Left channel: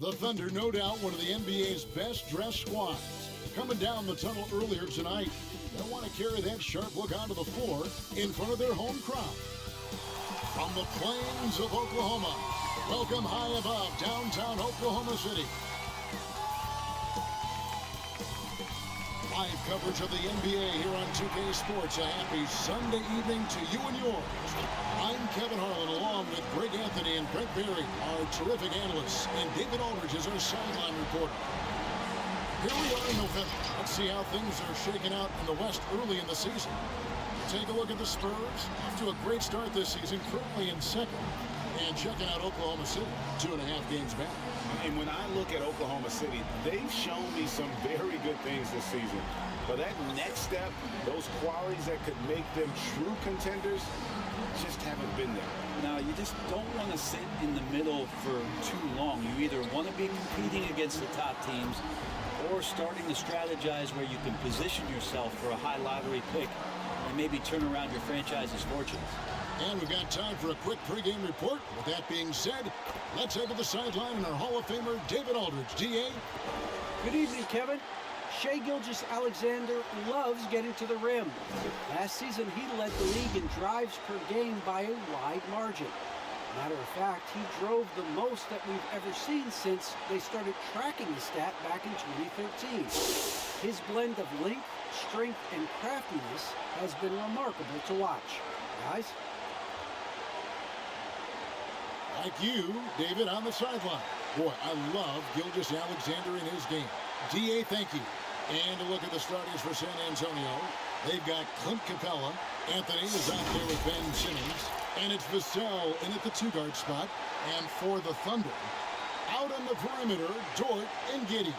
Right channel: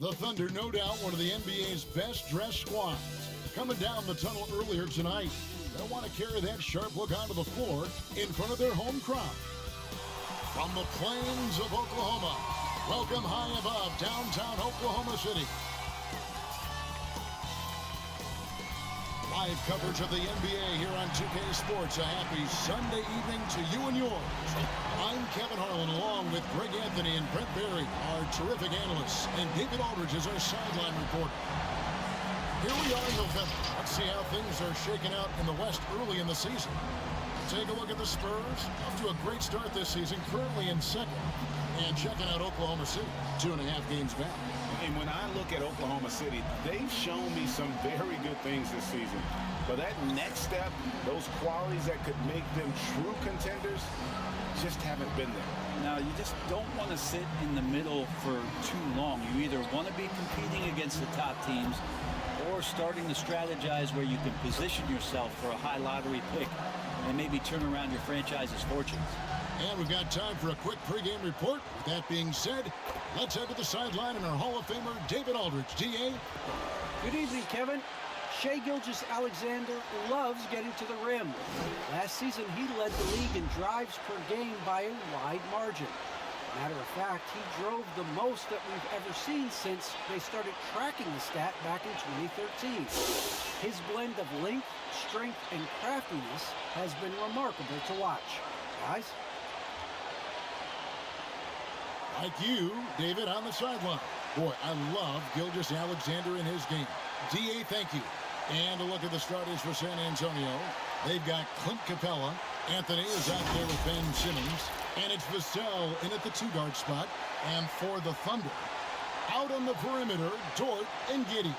The Thunder, no doubt, one of the NBA's best-dressed squads. Coming down the tunnel earlier tonight. They'll want to carry that sharp look onto the floor in front of their home crowd. From the plains of Oklahoma, welcome high above downtown Oklahoma City. Live coverage of the NBA here on 2K Sports. A happy Sunday evening to you and yours. I'm Kevin Harlan, along with Greg Anthony and Brent Barry, our terrific analysts, and David Aldridge is our sideline reporter. Here we are in November. Let's see how things are shaking out in the West early in the season. Take a look at the Spurs. Off to a great start this season, currently in second. And checking out Oklahoma City, 2.5 games back. And when I look at Oklahoma City, they've shown me some very good things this season. But that next step, those qualities that could make them true contenders, just haven't been there. Now, you just don't want to sit in the middle for too long. You either want to be competing against the top teams or starting to strategize where you can position yourself for a high lottery pick and maybe turn around your franchise's fortunes. And we've got time for a quick pregame report. With that being said, let's head to the sideline and our Hall of Famer, David Aldridge. D.A.? Good evening, Kevin. Shai Gilgeous-Alexander loves getting to the rim. Last season, he led the league in drives per game by a wide margin. Matter of fact, he drove the most that we've ever seen since they started tracking the stat back in 2013. His blend of length, strength, and craftiness has been remarkable to watch. Guys? Like you, David, on the sideline. Boy, I love Gilgeous-Alexander in his game. D.A., thank you. And a look at the starters for San Antonio. They've got Clint Capella. Anthony is out there with Ben Simmons. And it's Vassell in at the two-guard spot. And for the Thunder, out on the perimeter, Dort and Giddey.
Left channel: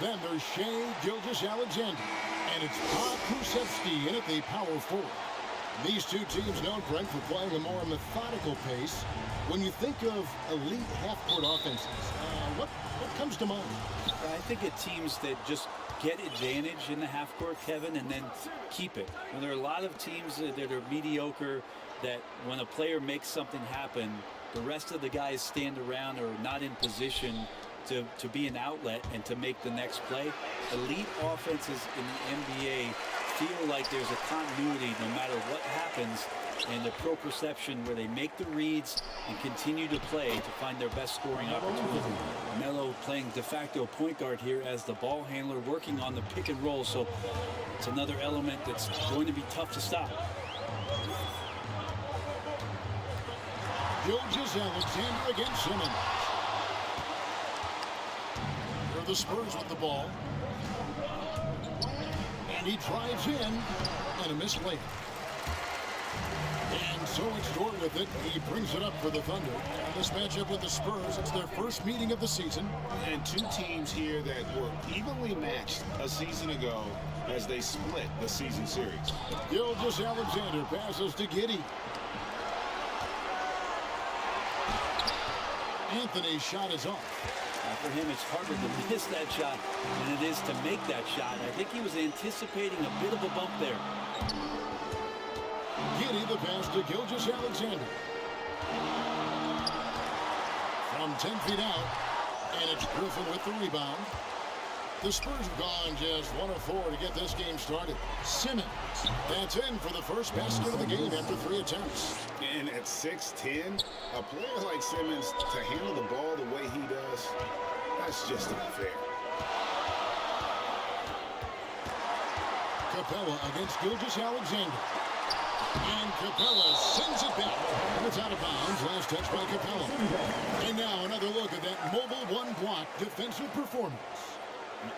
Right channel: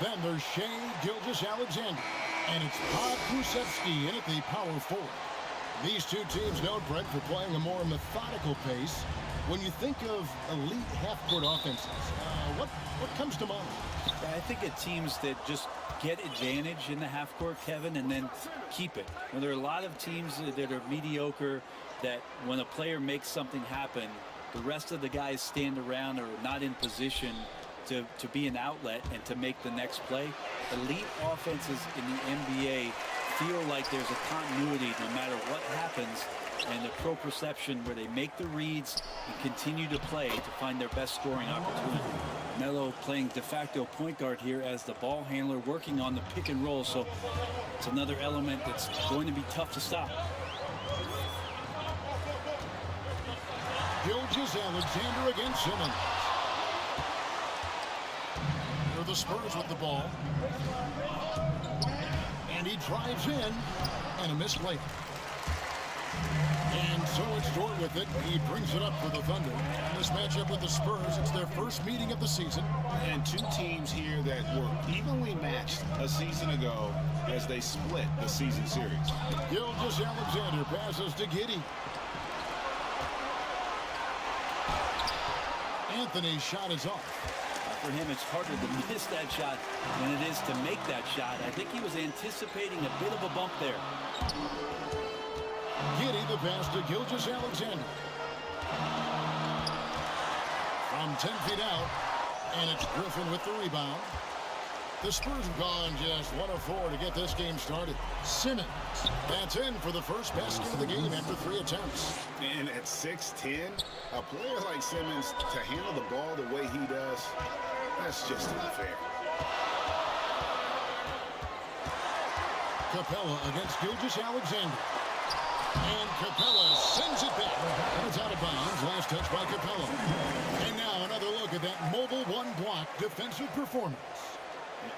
Then there's Shai Gilgeous-Alexander. And it's Bob Kusevsky in at the power forward. These two teams known, Brent, for playing a more methodical pace. When you think of elite half-court offenses, what comes to mind? I think of teams that just get advantage in the half-court, Kevin, and then keep it. Now, there are a lot of teams that are mediocre that when a player makes something happen, the rest of the guys stand around or not in position to be an outlet and to make the next play. Elite offenses in the NBA feel like there's a continuity no matter what happens, and the proprioception where they make the reads and continue to play to find their best scoring opportunity. Melo playing de facto point guard here as the ball handler, working on the pick and roll, so it's another element that's going to be tough to stop. Gilgeous-Alexander against Simmons. Here are the Spurs with the ball. And he drives in, and a missed layup. And so it's Dort with it. He brings it up for the Thunder. This matchup with the Spurs, it's their first meeting of the season. And two teams here that were evenly matched a season ago as they split the season series. Gilgeous-Alexander passes to Giddey. Anthony's shot is off. For him, it's harder to miss that shot than it is to make that shot. I think he was anticipating a bit of a bump there. Giddey the pass to Gilgeous-Alexander. From 10 feet out, and it's Griffin with the rebound. The Spurs have gone just 1 of 4 to get this game started. Simmons, that's in for the first basket of the game after 3 attempts. And at 6'10", a player like Simmons to handle the ball the way he does, that's just unfair. Capella against Gilgeous-Alexander. And Capella sends it back. And it's out of bounds. Last touch by Capella. And now another look at that mobile one-block defensive performance.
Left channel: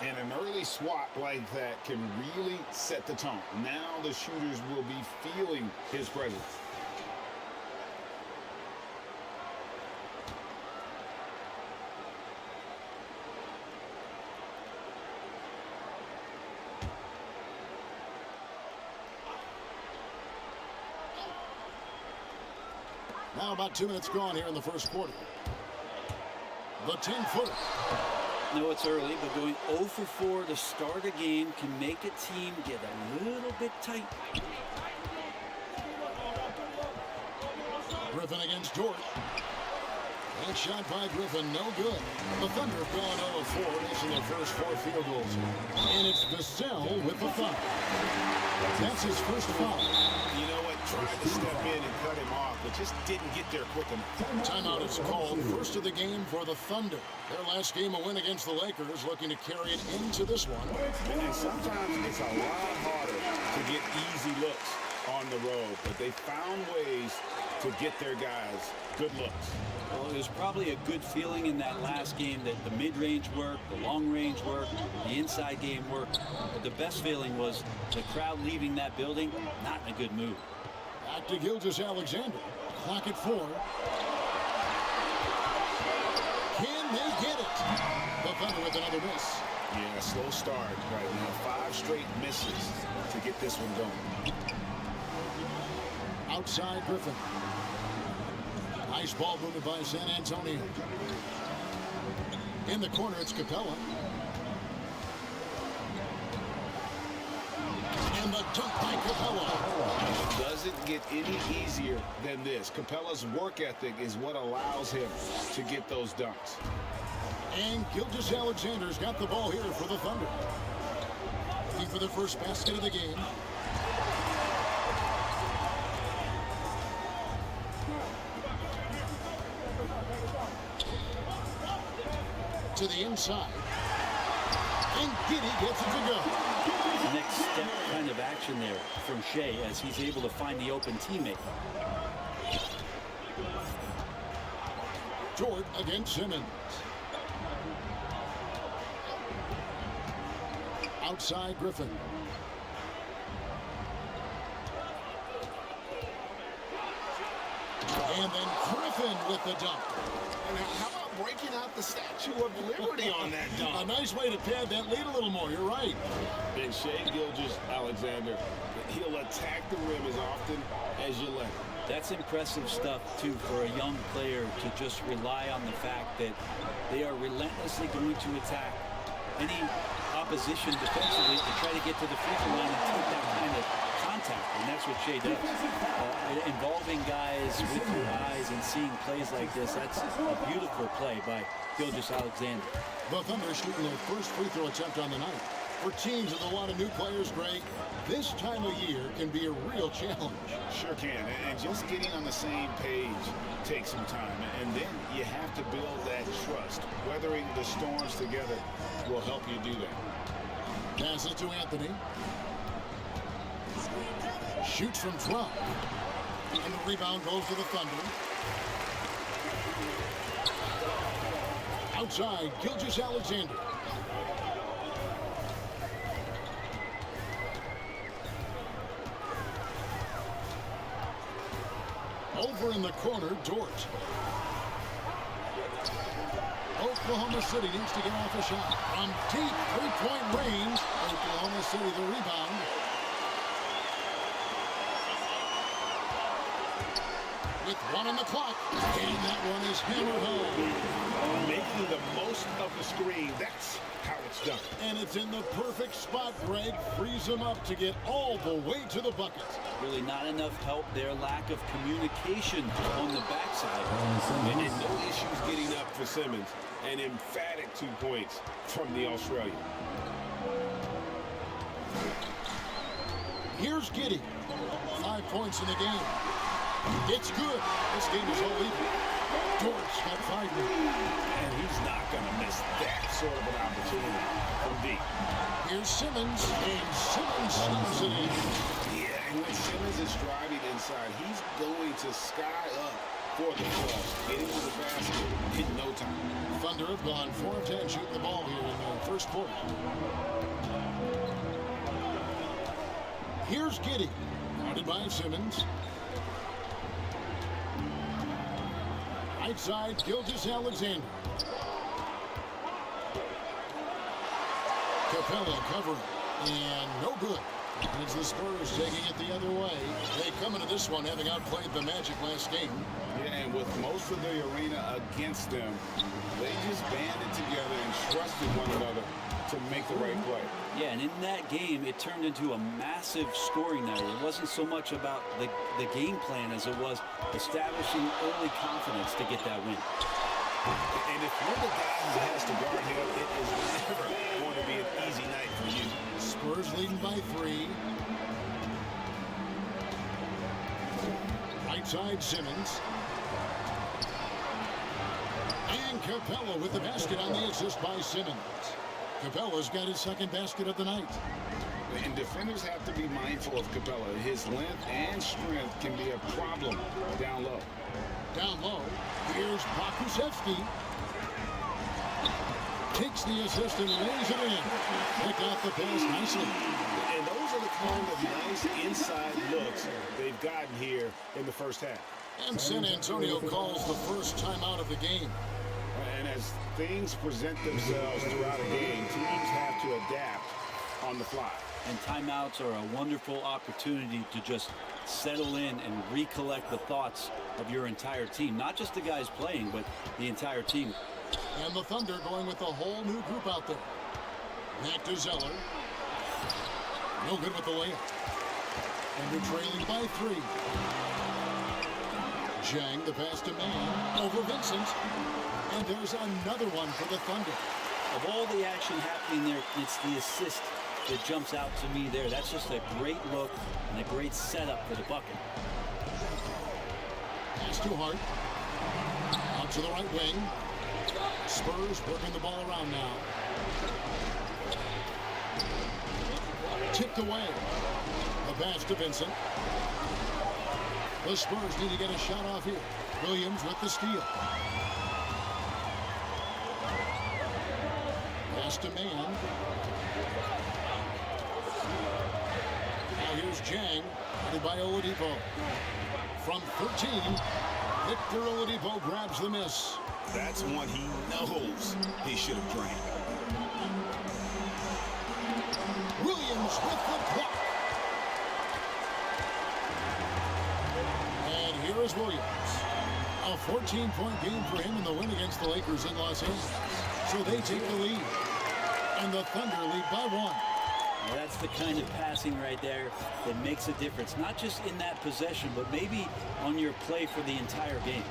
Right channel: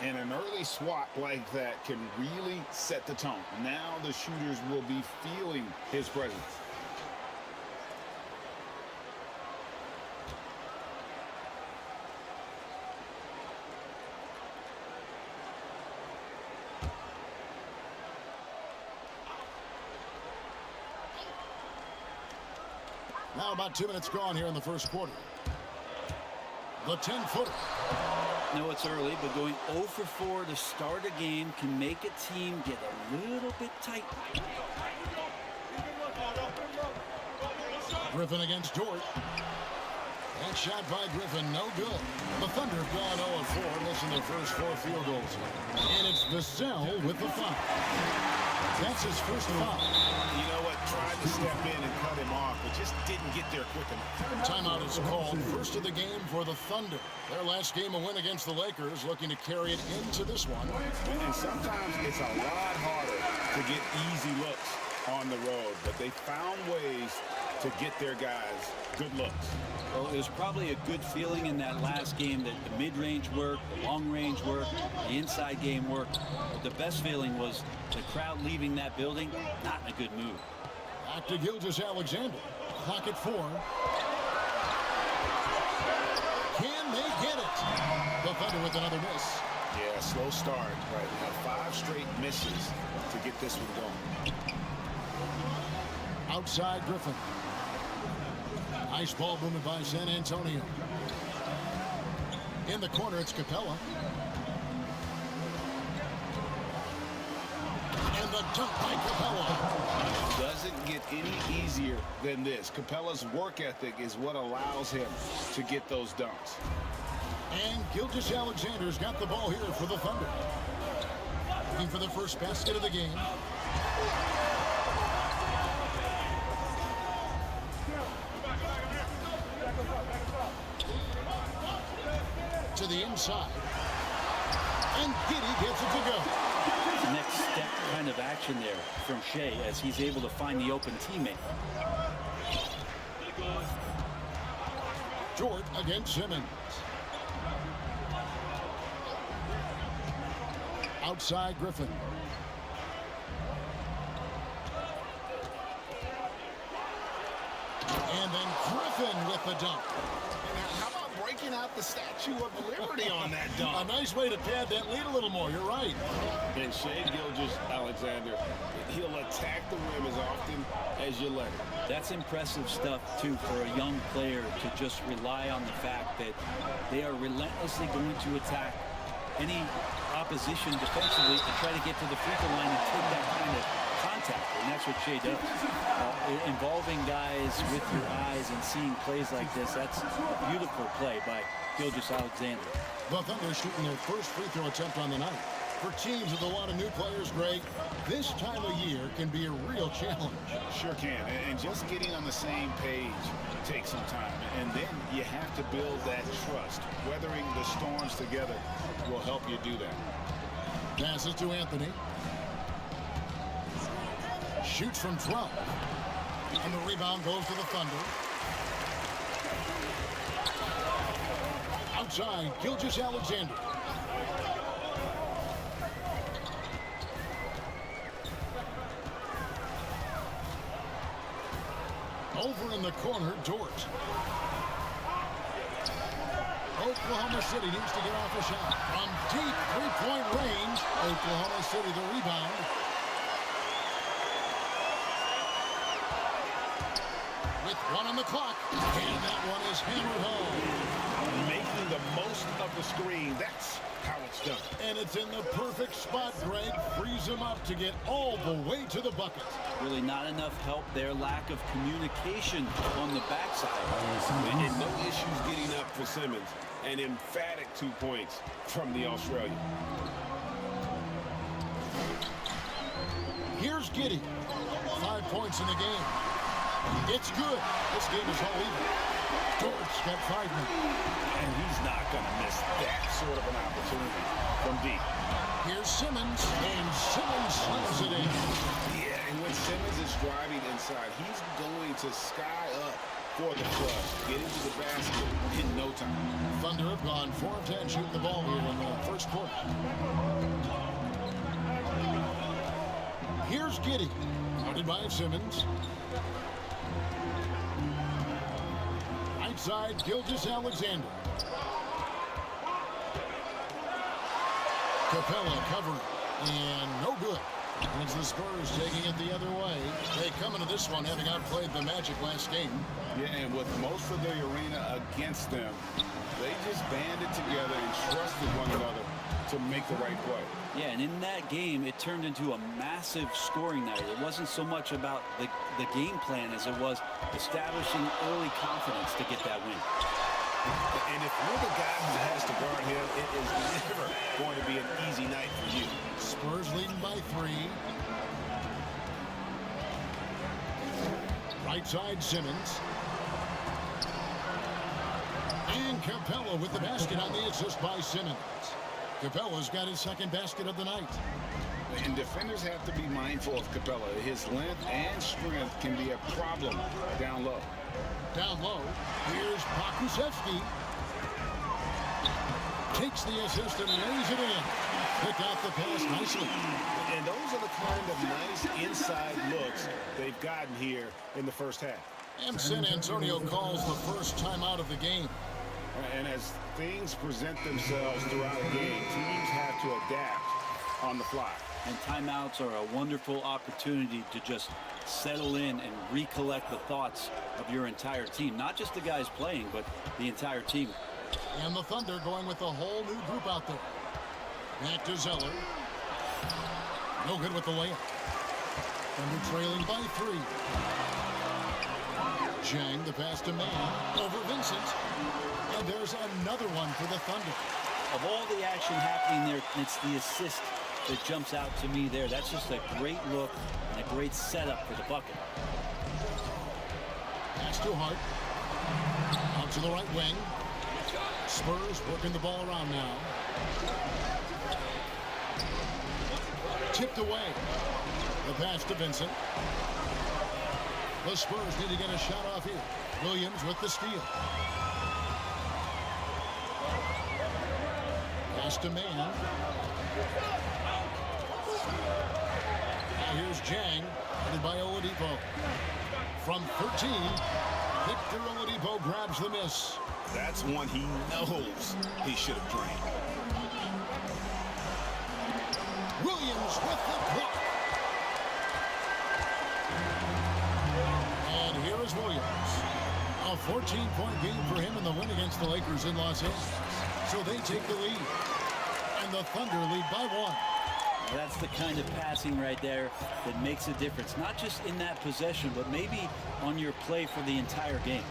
And an early swat like that can really set the tone. Now the shooters will be feeling his presence. Now about 2 minutes gone here in the first quarter. The 10-footer. No, it's early, but going 0 for 4 to start a game can make a team get a little bit tight. Griffin against Dort. That shot by Griffin, no good. The Thunder have gone 0 of 4, missing their first 4 field goals. And it's Vassell with the foul. That's his first foul. You know what? Tried to step in and cut him off, but just didn't get there quick enough. Timeout is called. First of the game for the Thunder. Their last game, a win against the Lakers, looking to carry it into this one. And sometimes it's a lot harder to get easy looks on the road, but they found ways to get their guys good looks. Well, it was probably a good feeling in that last game that the mid-range worked, the long-range worked, the inside game worked. But the best feeling was the crowd leaving that building, not in a good mood. Back to Gilgeous-Alexander. Clock at 4. Can they get it? The Thunder with another miss. Yeah, slow start right now. 5 straight misses to get this one going. Outside Griffin. Nice ball movement by San Antonio. In the corner, it's Capella. And the dunk by Capella. Doesn't get any easier than this. Capella's work ethic is what allows him to get those dunks. And Gilgeous-Alexander's got the ball here for the Thunder. Looking for the first basket of the game. To the inside. And Giddey gets it to go. Next step kind of action there from Shea as he's able to find the open teammate. Dort against Simmons. Outside Griffin. And then Griffin with the dunk. And how about breaking out the Statue of Liberty on that A dunk? nice way to pad that lead a little more. You're right. And Shea Gilgeous-Alexander, he'll attack the rim as often as you let him. That's impressive stuff, too, for a young player to just rely on the fact that they are relentlessly going to attack any opposition defensively to try to get to the free throw line and take that kind of contact, and that's what Shea does. Involving guys with your eyes and seeing plays like this, that's a beautiful play by Gilgeous-Alexander. The Thunder shooting their first free throw attempt on the night. For teams with a lot of new players, Greg, this time of year can be a real challenge. Sure can, and just getting on the same page takes some time, and then you have to build that trust. Weathering the storms together will help you do that. Passes to Anthony. Shoots from 12. And the rebound goes to the Thunder. Outside, Gilgeous-Alexander. Over in the corner, Dort. Oklahoma City needs to get off a shot. From deep three-point range, Oklahoma City the rebound. With 1 on the clock, and that one is hammered home. Making the most of the screen, that's how it's done. And it's in the perfect spot, Greg. Frees him up to get all the way to the bucket. Really not enough help there. Lack of communication on the backside. And no issues getting up for Simmons. An emphatic 2 points from the Australian. Here's Giddey. 5 points in the game. It's good. This game is all even. Dort's got 5 now. And he's not going to miss that sort of an opportunity from deep. Here's Simmons, and Simmons slams it in. Yeah, and when Simmons is driving inside, he's going to sky up for the flush, get into the basket in no time. Thunder have gone 4 of 10 shooting the ball here in the first quarter. Here's Giddey, guarded by Simmons. Right side, Gilgeous-Alexander. Capella covering, and no good. It's the Spurs taking it the other way. They come into this one having outplayed the Magic last game. Yeah, and with most of the arena against them, they just banded together and trusted one another to make the right play. Yeah, and in that game, it turned into a massive scoring night. It wasn't so much about the game plan as it was establishing early confidence to get that win. And if you're the guy who has to guard him, it is never going to be an easy night for you. Spurs leading by 3. Right side, Simmons. And Capella with the basket on the assist by Simmons. Capella's got his second basket of the night. And defenders have to be mindful of Capella. His length and strength can be a problem down low. Down low, here's Pokusevski. Takes the assist and lays it in. Pick out the pass nicely. And those are the kind of nice inside looks they've gotten here in the first half. And San Antonio calls the first timeout of the game. And as things present themselves throughout a game, teams have to adapt on the fly. And timeouts are a wonderful opportunity to just settle in and recollect the thoughts of your entire team. Not just the guys playing, but the entire team. And the Thunder going with a whole new group out there. Back to Zeller. No good with the layup. Thunder trailing by 3. Zhang, the pass to Mann. Over Vincent. And there's another one for the Thunder. Of all the action happening there, it's the assist that jumps out to me there. That's just a great look and a great setup for the bucket. Pass to Hart. Out to the right wing. Spurs working the ball around now. Tipped away. The pass to Vincent. The Spurs need to get a shot off here. Williams with the steal. Pass to Mann. Now here's Zhang, headed by Oladipo. From 13, Victor Oladipo grabs the miss. That's one he knows he should have drained. Williams with the block. And here is Williams. A 14-point game for him in the win against the Lakers in Los Angeles. So they take the lead. And the Thunder lead by 1. Now that's the kind of passing right there that makes a difference. Not just in that possession, but maybe on your play for the entire game.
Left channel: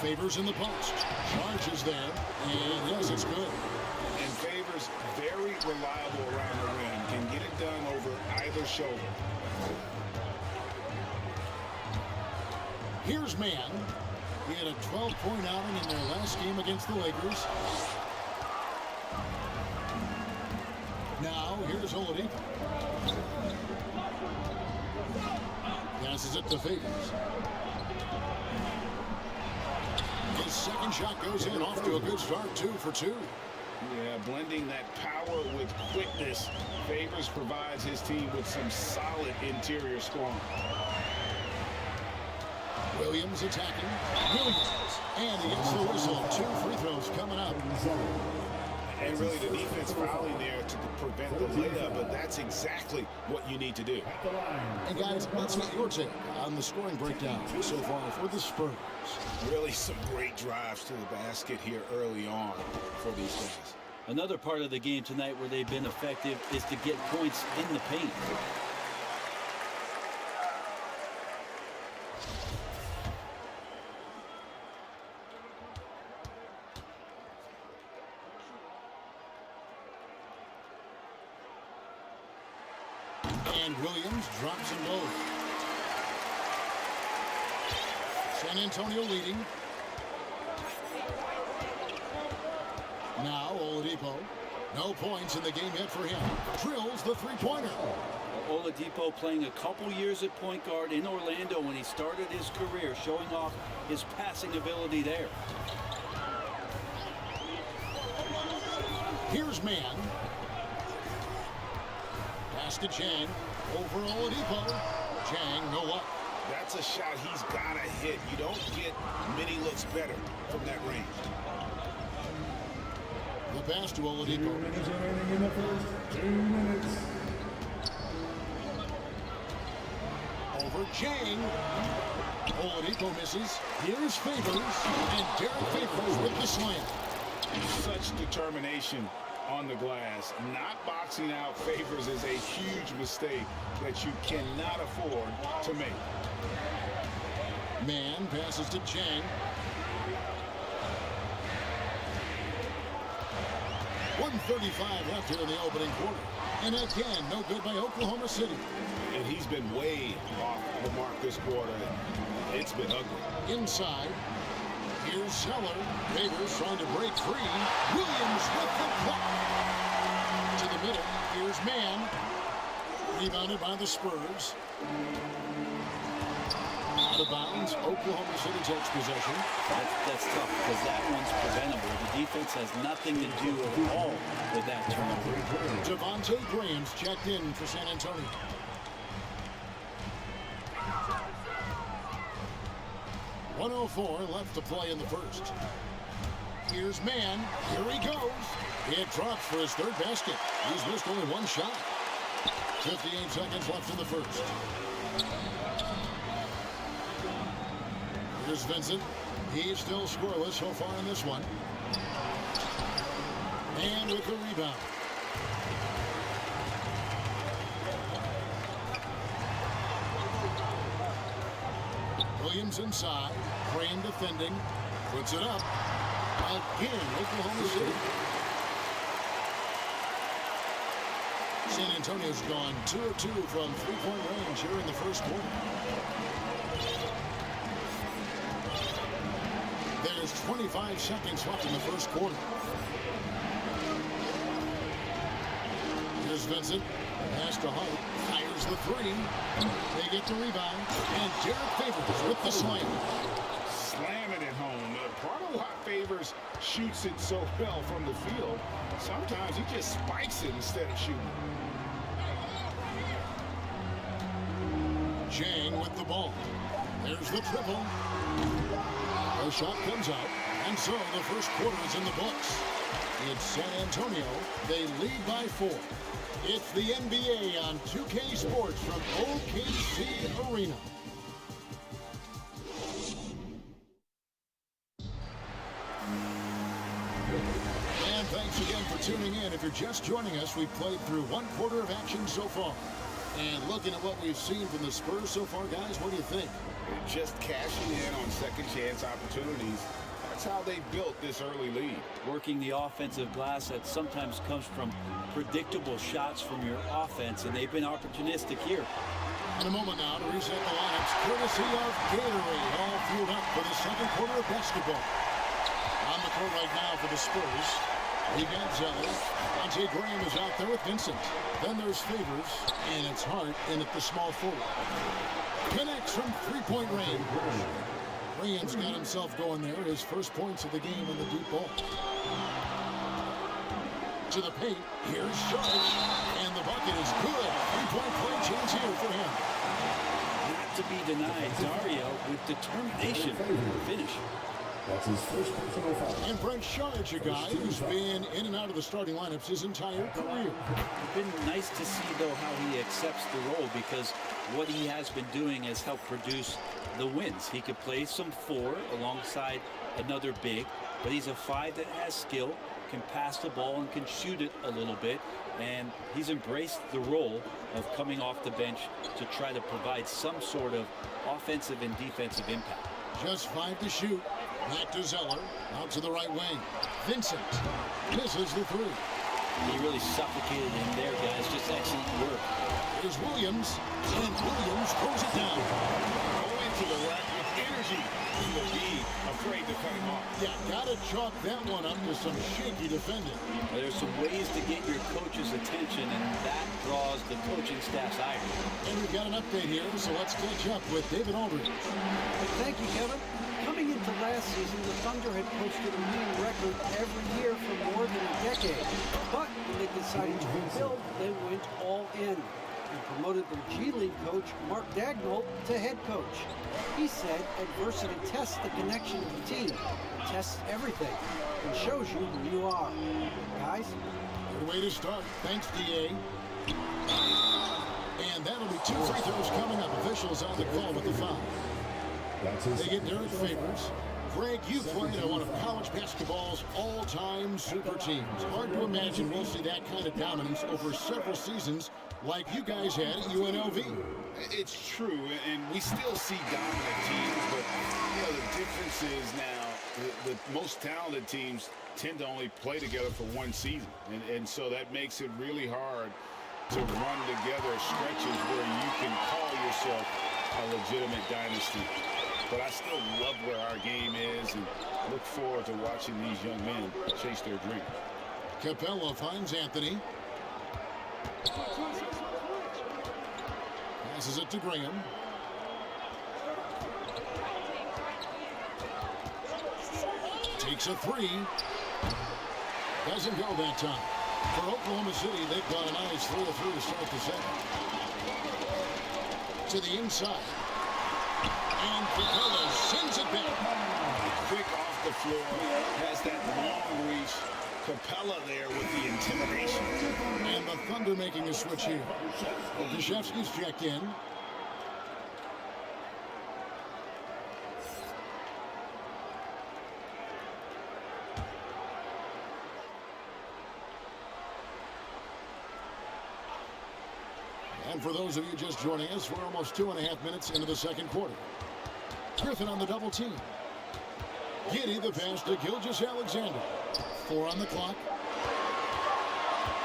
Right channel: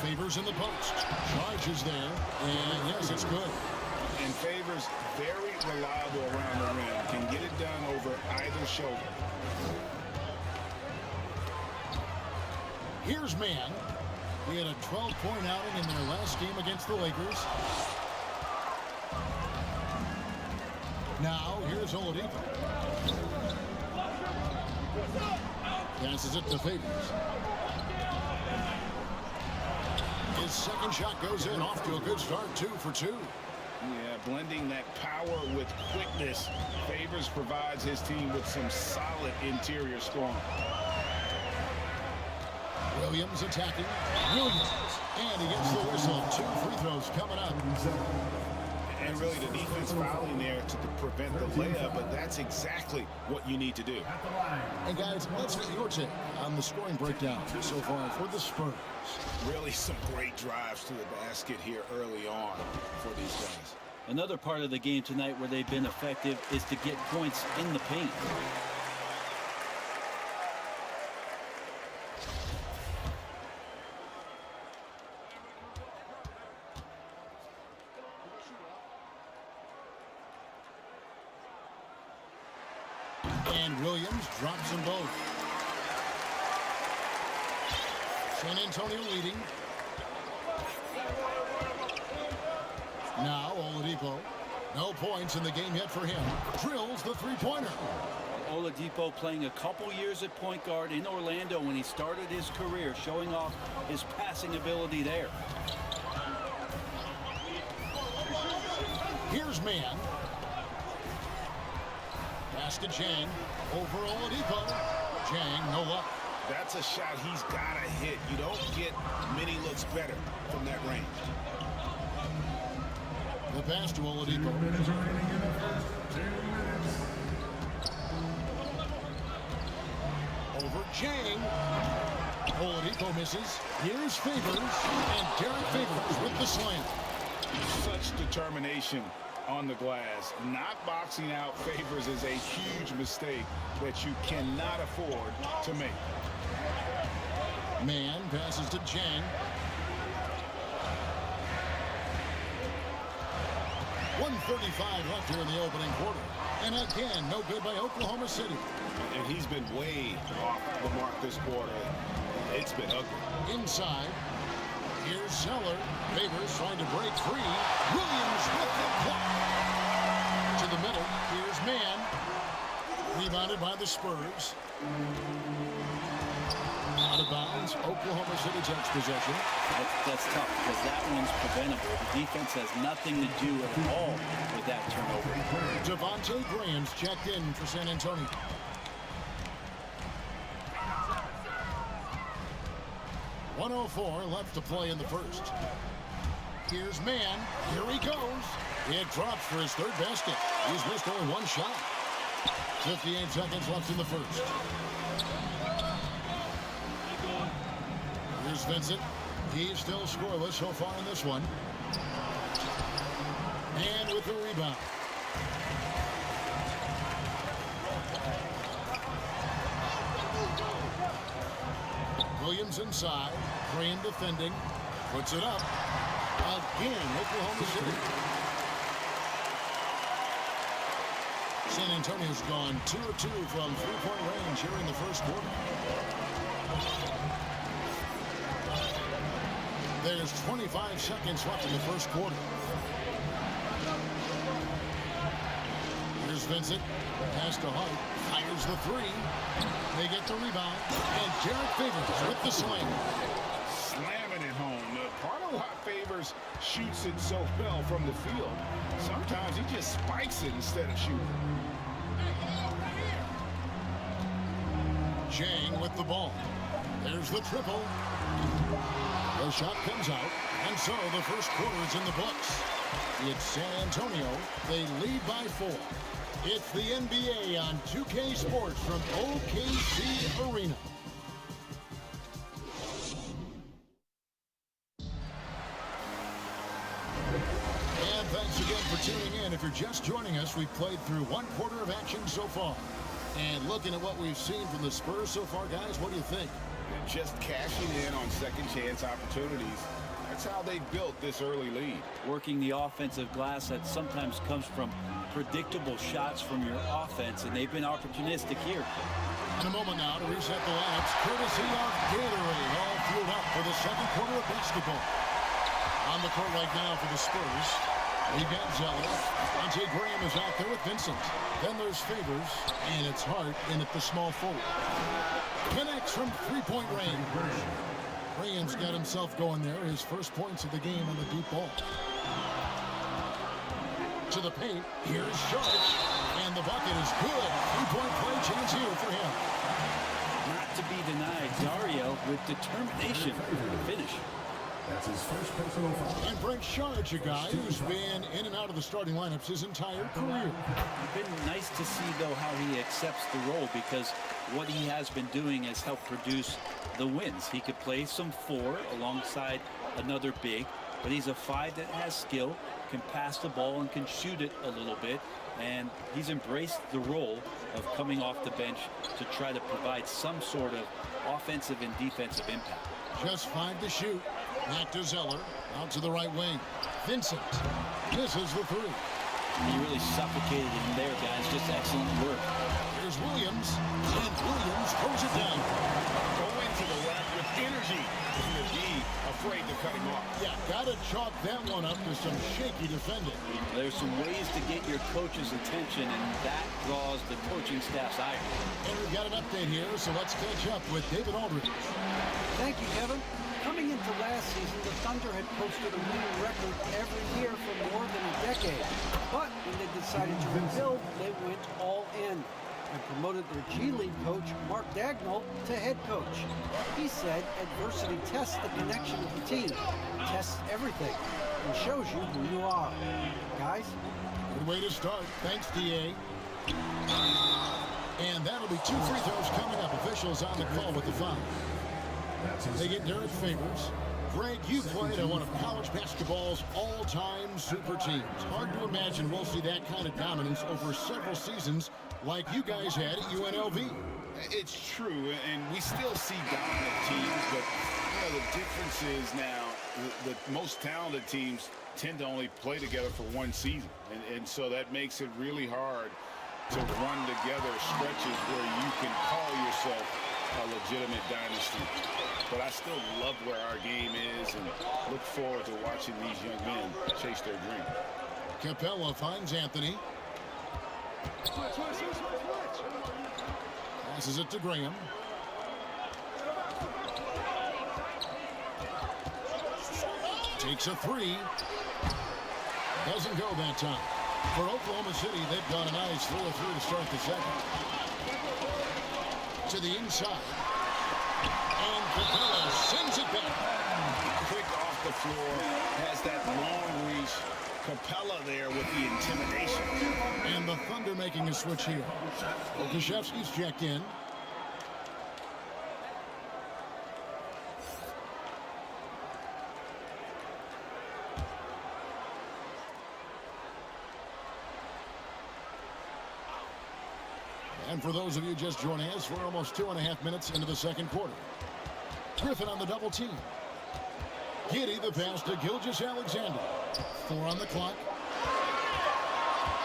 Favors in the post. Charges there. And yes, it's good. And Favors very reliable around the rim. Can get it done over either shoulder. Here's Mann. He had a 12-point outing in their last game against the Lakers. Now, here's Oladipo. Passes it to Favors. His second shot goes in, off to a good start, 2 for 2. Yeah, blending that power with quickness. Favors provides his team with some solid interior scoring. Williams attacking. Williams. And he gets the whistle. 2 free throws coming up. And really the defense fouling there to prevent the layup, but that's exactly what you need to do. And guys, let's get your take on the scoring breakdown so far for the Spurs. Really some great drives to the basket here early on for these guys. Another part of the game tonight where they've been effective is to get points in the paint. And Williams drops them both. San Antonio leading. Now Oladipo. No points in the game yet for him. Drills the three-pointer. Oladipo playing a couple years at point guard in Orlando when he started his career, showing off his passing ability there. Here's Mann. Pass to Zhang. Over Oladipo. Zhang, no luck. That's a shot he's got to hit. You don't get many looks better from that range. The pass to Oladipo. 2 minutes remaining in the first. 2 minutes. Over Zhang. Oladipo misses. Here's Favors. And Derek Favors with the slam. Such determination on the glass. Not boxing out Favors is a huge mistake that you cannot afford to make. Man passes to Chang. 1:35 left here in the opening quarter. And again, no good by Oklahoma City. And he's been way off the mark this quarter. It's been ugly. Inside. Here's Zeller. Favors trying to break free. Williams with the block. To the middle. Here's Man. Rebounded by the Spurs. Out of bounds. Oklahoma City takes possession. That's tough because that one's preventable. The defense has nothing to do at all with that turnover. Devontae Graham's checked in for San Antonio. .104 left to play in the first. Here's Man. Here he goes. It drops for his third basket. He's missed only one shot. 58 seconds left in the first. Here's Vincent. He's still scoreless so far in this one. And with the rebound. Williams inside. Graham defending. Puts it up. Again, Oklahoma City. San Antonio's gone 2 of 2 from three-point range here in the first quarter. There's 25 seconds left in the first quarter. Here's Vincent. Pass to Hart. Fires the three. They get the rebound. And Derek Favors with the slam. Slamming it home. Part of what Favors shoots it so well from the field, sometimes he just spikes it instead of shooting. Chang with the ball. There's the triple. The shot comes out, and so the first quarter is in the books. It's San Antonio. They lead by 4. It's the NBA on 2K Sports from OKC Arena. And thanks again for tuning in. If you're just joining us, we've played through one quarter of action so far. And looking at what we've seen from the Spurs so far, guys, what do you think? Just cashing in on second chance opportunities. That's how they built this early lead. Working the offensive glass that sometimes comes from predictable shots from your offense, and they've been opportunistic here. In a moment now to reset the lineups, courtesy of Gatorade, all fueled up for the second quarter of basketball. On the court right now for the Spurs, we've got Zeller. Devontae Graham is out there with Vincent. Then there's Favors, and it's Hart in at the small forward. Connects from three-point range. Graham's got himself going there. His first points of the game on the deep ball. To the paint. Here's Sharch. And the bucket is good. Three-point play chance here for him. Not to be denied, Dario with determination. Finish. That's his first personal foul. And Brent Sharch, a guy who's been in and out of the starting lineups his entire career. It's been nice to see, though, how he accepts the role, because what he has been doing has helped produce the wins. He could play some 4 alongside another big, but he's a 5 that has skill, can pass the ball, and can shoot it a little bit. And he's embraced the role of coming off the bench to try to provide some sort of offensive and defensive impact. Just 5 to shoot. Back to Zeller. Out to the right wing. Vincent misses the 3. He really suffocated him there, guys. Just excellent work. Here's Williams. And Williams throws it down. Go into the rack with energy. To be afraid to cut him off. Yeah, gotta chalk that one up to some shaky defending. There's some ways to get your coach's attention, and that draws the coaching staff's ire. And we've got an update here, so let's catch up with David Aldridge. Thank you, Kevin. Coming into last season, the Thunder had posted a winning record every year for more than a decade. But when they decided to rebuild, they went all in and promoted their G League coach, Mark Dagnall, to head coach. He said adversity tests the connection of the team, tests everything, and shows you who you are. Guys? Good way to start. Thanks, DA. And that'll be 2 free throws coming up. Officials on the call with the foul. They get Derek Favors. Greg, you played on one of college basketball's all-time super teams. Hard to imagine we'll see that kind of dominance over several seasons like you guys had at UNLV. It's true, and we still see dominant teams, but the difference is now the most talented teams tend to only play together for one season, and so that makes it really hard to run together stretches where you can call yourself a legitimate dynasty. But I still love where our game is and look forward to watching these young men chase their dream. Capella finds Anthony. Passes it to Graham. Takes a three. Doesn't go that time. For Oklahoma City, they've got a nice 3 of 3 to start the second. To the inside. And Capella sends it back. Quick off the floor, has that long reach. Capella there with the intimidation. And the Thunder making a switch here. Okashevsky's checked in. And for those of you just joining us, we're almost 2.5 minutes into the second quarter. Griffin on the double team. Giddey the pass to Gilgeous-Alexander. 4 on the clock.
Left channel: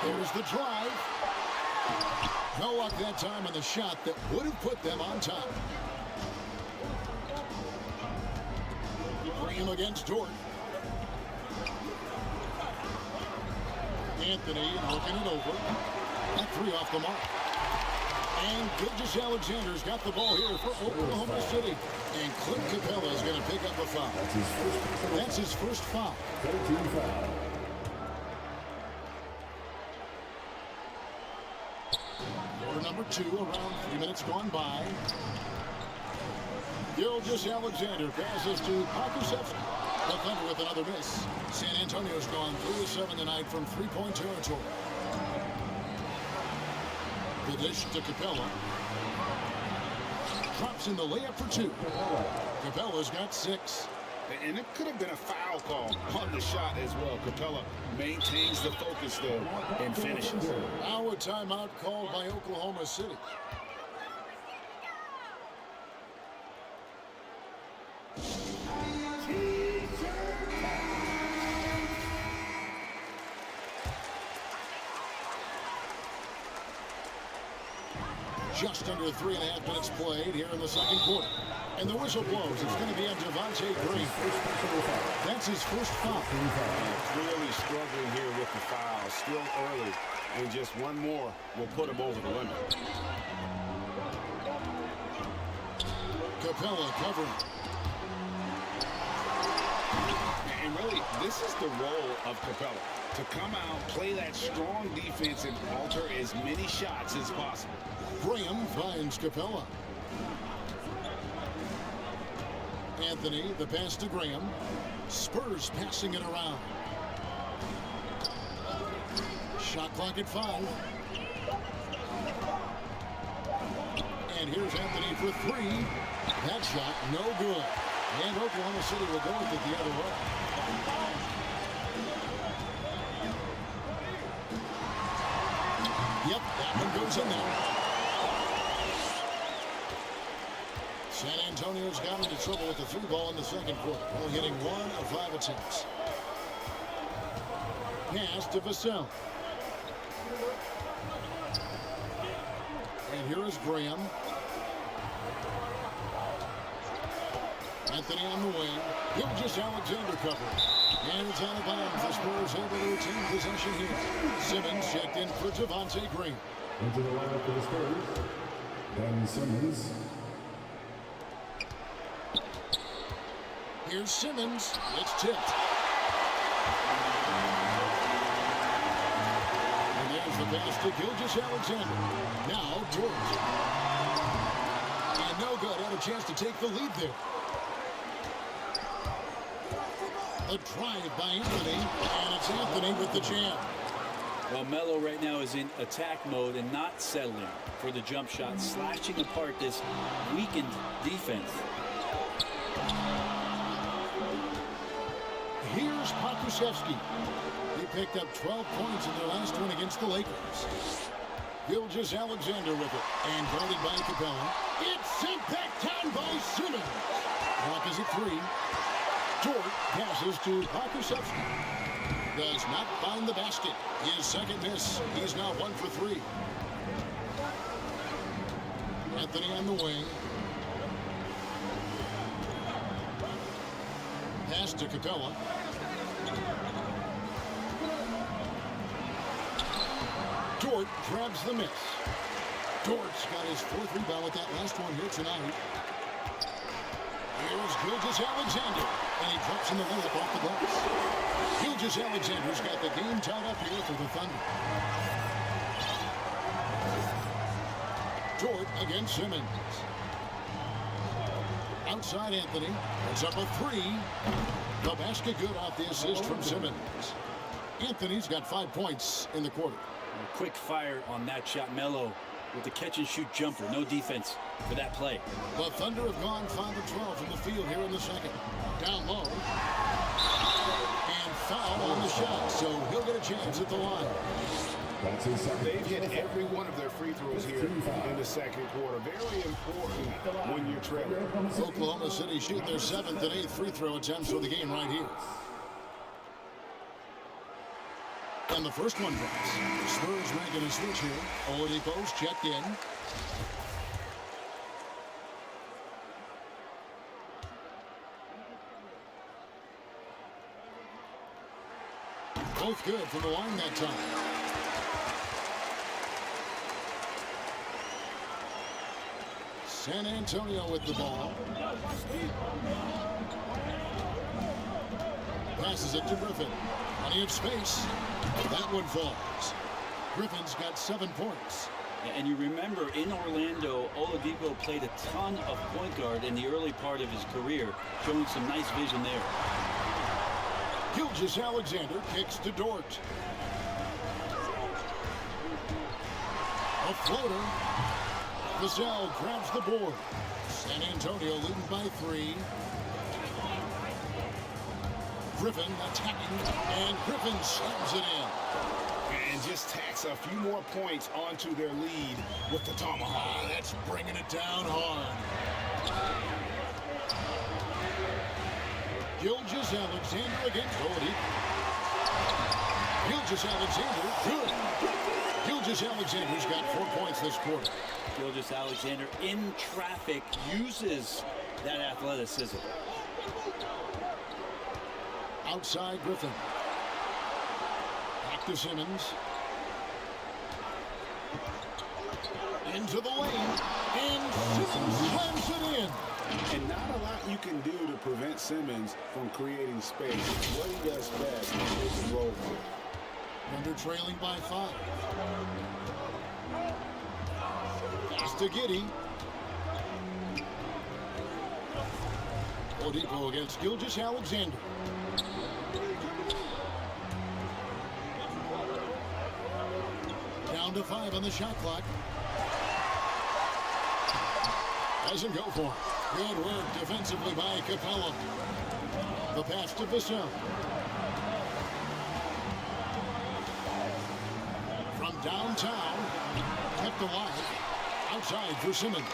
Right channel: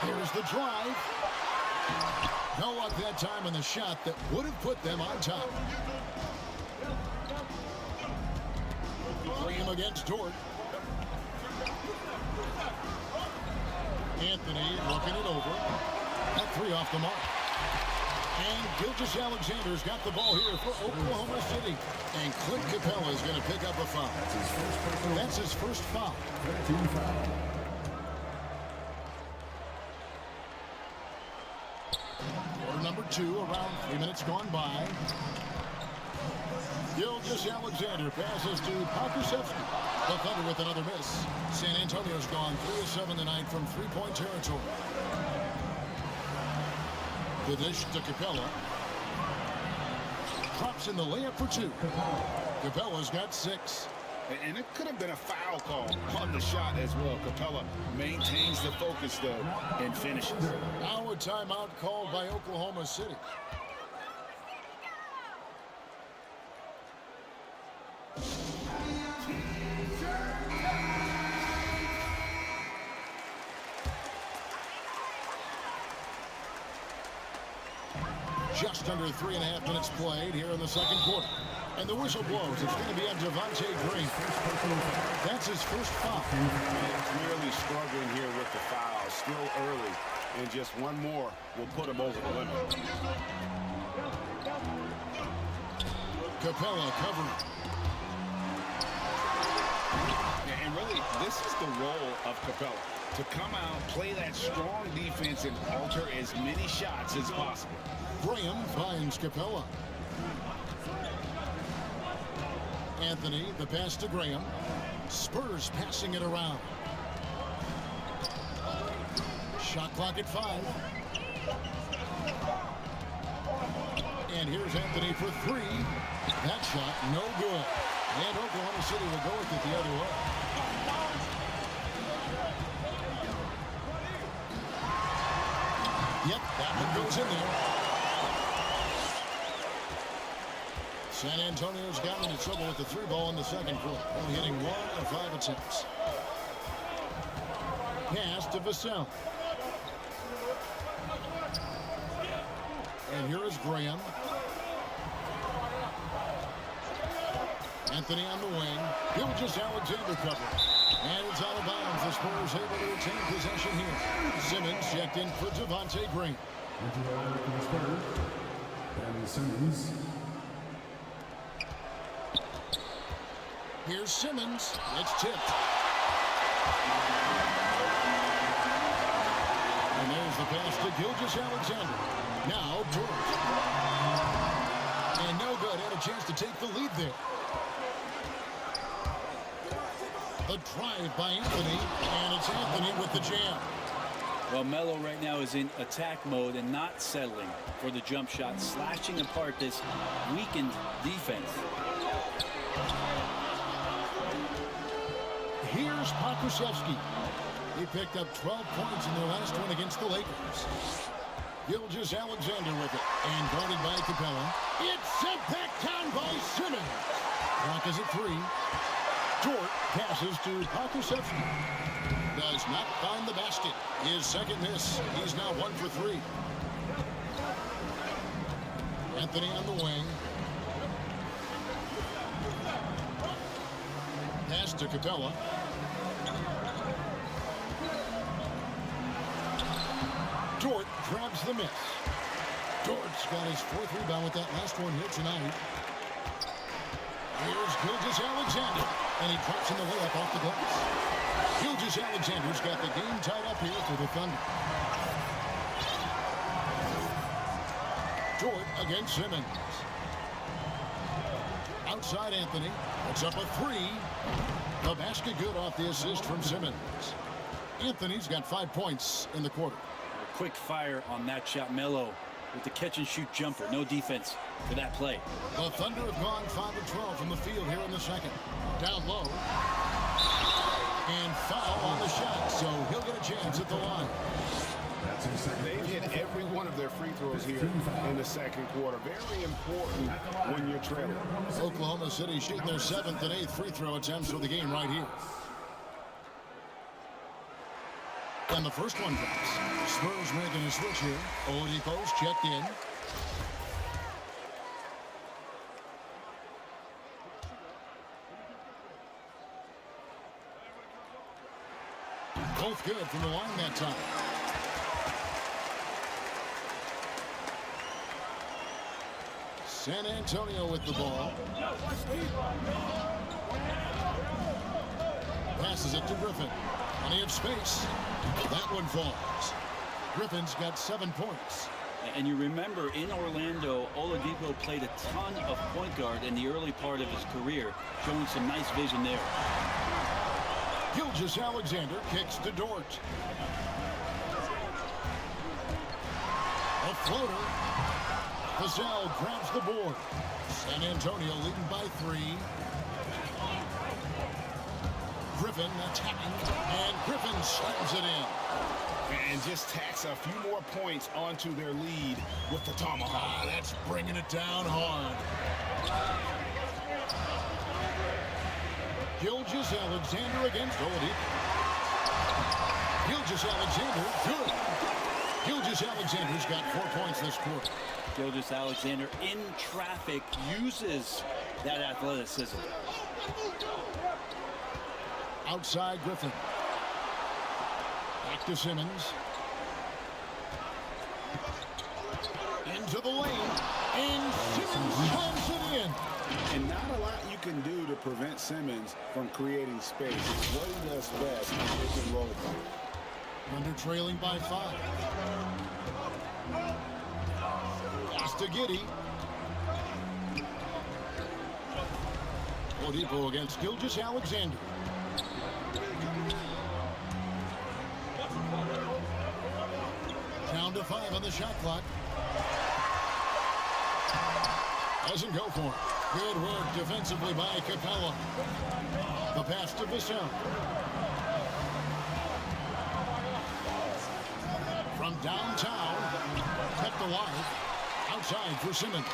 There's the drive. No luck that time on the shot that would have put them on top. Graham against Dort. Anthony looking it over. That 3 off the mark. And Gilgeous-Alexander's got the ball here for Oklahoma City. And Clint Capella is going to pick up a foul. That's his first foul. 13 foul. Quarter number 2, around 3 minutes gone by. Gilgeous-Alexander passes to Pokusevski. The Thunder with another miss. San Antonio's gone 3 of 7 tonight from three-point territory. The dish to Capella. Drops in the layup for 2. Capella's got 6. And it could have been a foul call on the shot as well. Capella maintains the focus, though, and finishes. Now a timeout called by Oklahoma City. Just under 3.5 minutes played here in the second quarter. And the whistle blows. It's going to be on Devontae Green. That's his first foul. Clearly struggling here with the foul. Still early. And just one more will put him over the limit. Capella covering. And really, this is the role of Capella. To come out, play that strong defense, and alter as many shots as possible. Graham finds Capella. Anthony, the pass to Graham. Spurs passing it around. Shot clock at 5. And here's Anthony for 3. That shot, no good. And Oklahoma City will go with it the other way. Yep, that one goes in there. San Antonio's gotten into trouble with the 3 ball in the second quarter, only hitting 1 of 5 attempts. Pass to Vassell. And here is Graham. Anthony on the wing. Gilgeous-Alexander covering. And it's out of bounds. The Spurs able to retain possession here. Simmons checked in for Devontae Green. Into the lineup for the Spurs, Ben Simmons. Here's Simmons. It's tipped. And there's the pass to Gilgeous-Alexander. Now Dort. And no good. Had a chance to take the lead there. The drive by Anthony. And it's Anthony with the jam. Well, Melo right now is in attack mode and not settling for the jump shot, slashing apart this weakened defense. Here's Pokusevski. He picked up 12 points in their last win against the Lakers. Gilgeous Alexander with it. And guarded by Capella. It's sent back down by Simmons. Clock is at 3. Dort passes to Pakusevsky. Does not find the basket. His second miss. He's now 1 for 3. Anthony on the wing. Pass to Capella. Dort grabs the miss. Dort's got his 4th rebound with that last one here tonight. Here's Gilgeous Alexander, and he drops in the layup off the glass. Gilgeous Alexander's got the game tied up here for the Thunder. Dort against Simmons. Outside Anthony. Puts up a 3. The basket good off the assist from Simmons. Anthony's got 5 points in the quarter. A quick fire on that shot. Melo with the catch-and-shoot jumper. No defense for that play. The Thunder have gone 5 of 12 from the field here in the second. Down low. And foul on the shot, so he'll get a chance at the line. That's his second. They've hit every one of their free throws here in the second quarter. Very important when you're trailing. Oklahoma City shooting their 7th and 8th free throw attempts for the game right here. And the first one drops. The Spurs making a switch here. Oladipo's checked in. Both good from the line that time. San Antonio with the ball. Passes it to Griffin. Plenty of space. That one falls. Griffin's got 7 points. And you remember in Orlando, Oladipo played a ton of point guard in the early part of his career, showing some nice vision there. Gilgeous Alexander kicks to Dort. A floater. Vassell grabs the board. San Antonio leading by 3. Griffin attacking, and Griffin slams it in. And just tacks a few more points onto their lead with the tomahawk. That's bringing it down hard. Gilgeous Alexander against Oladipo. Gilgeous Alexander, good. Gilgeous Alexander's got 4 points this quarter. Gilgeous Alexander in traffic uses that athleticism. Outside Griffin. Back to Simmons. Into the lane. And Simmons slams it in. And not a lot you can do to prevent Simmons from creating space. It's what he does best in pick and roll. Thunder trailing by 5. Pass to Giddey. Oladipo against Gilgeous Alexander. Down to 5 on the shot clock. Doesn't go for it. Good work defensively by Capella. The pass to Vassell. From downtown, kept alive. Outside for Simmons.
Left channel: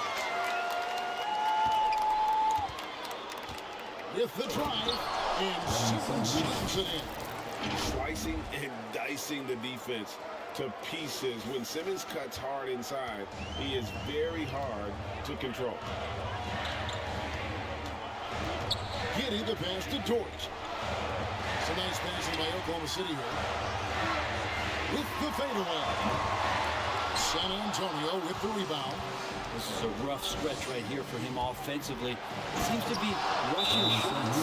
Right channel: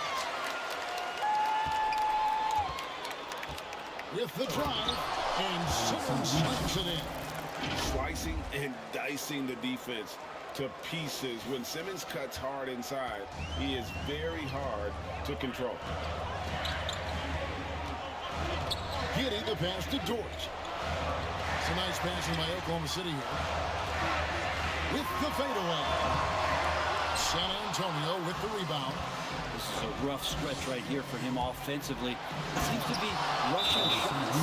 With the drive, and Simmons slams it in. Slicing and dicing the defense to pieces. When Simmons cuts hard inside, he is very hard to control. Giddey the pass to Dort. It's a nice passing by Oklahoma City here. With the fadeaway. San Antonio with the rebound. This is a rough stretch right here for him offensively. He seems to be rushing shots.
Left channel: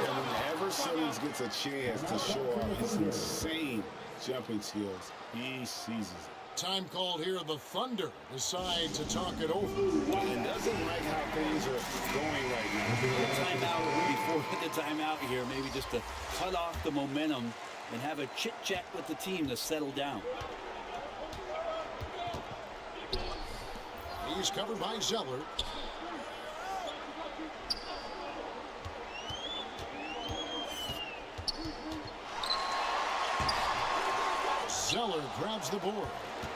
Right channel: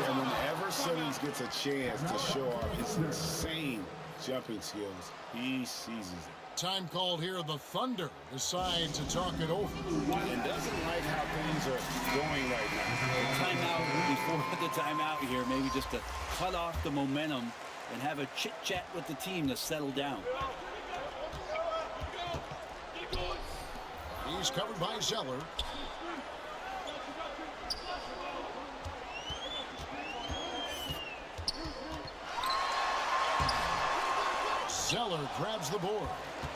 Yeah, whenever Simmons gets a chance to show off his insane jumping skills, he seizes it. Time called here. The Thunder decide to talk it over. And doesn't like how things are going right now. The timeout before the timeout here, maybe just to cut off the momentum and have a chit-chat with the team to settle down. He's covered by Zeller. Zeller grabs the board.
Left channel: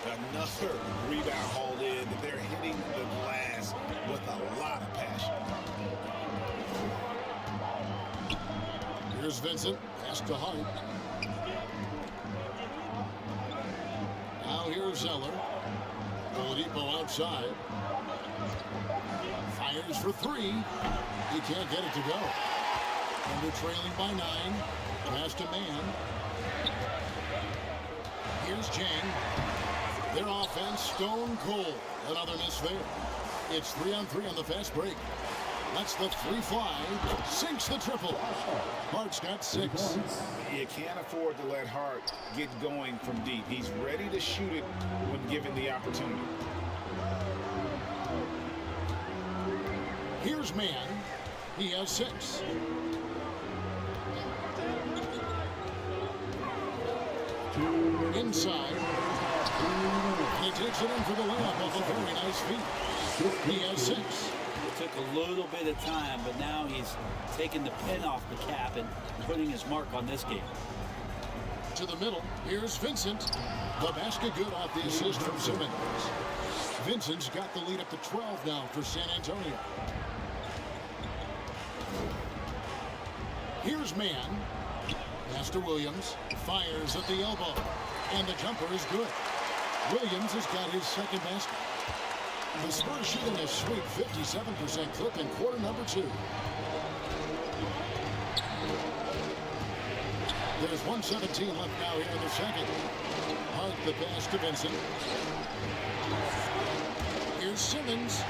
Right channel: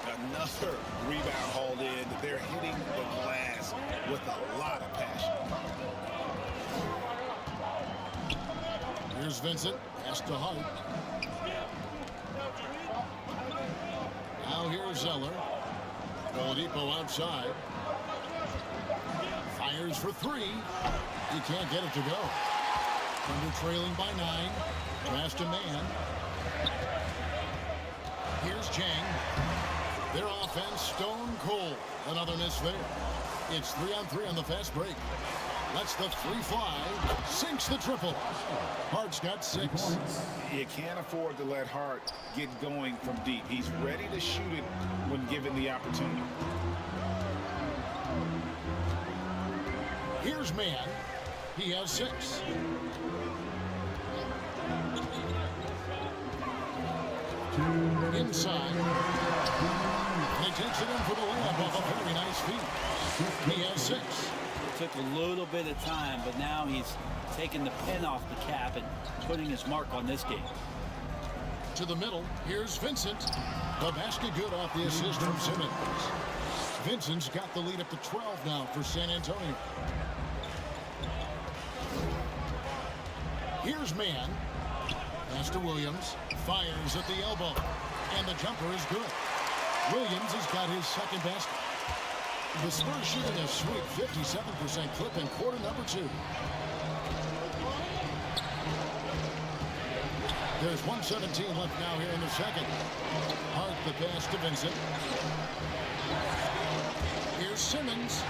Another rebound hauled in. They're hitting the glass with a lot of passion. Here's Vincent. Pass to Hart. Now here's Zeller. Oladipo outside. Fires for three. He can't get it to go. Thunder trailing by 9. Pass to Man. Here's Chang. Their offense stone cold. Another miss there. It's 3-on-3 on the fast break. Lets the three fly. Sinks the triple. Hart's got 6. You can't afford to let Hart get going from deep. He's ready to shoot it when given the opportunity. Here's Man. He has 6. Inside. And he takes it in for the layup off a very nice feed. He has 6. It took a little bit of time, but now he's taking the pen off the cap and putting his mark on this game. To the middle. Here's Vincent. The basket good off the assist from Simmons. Vincent's got the lead up to 12 now for San Antonio. Here's Man. Pass to Williams. Fires at the elbow. And the jumper is good. Williams has got his second basket. The Spurs shooting a sweet 57% clip in quarter number 2. There's 1:17 left now here in the second. Hart the pass to Vincent. Here's Simmons.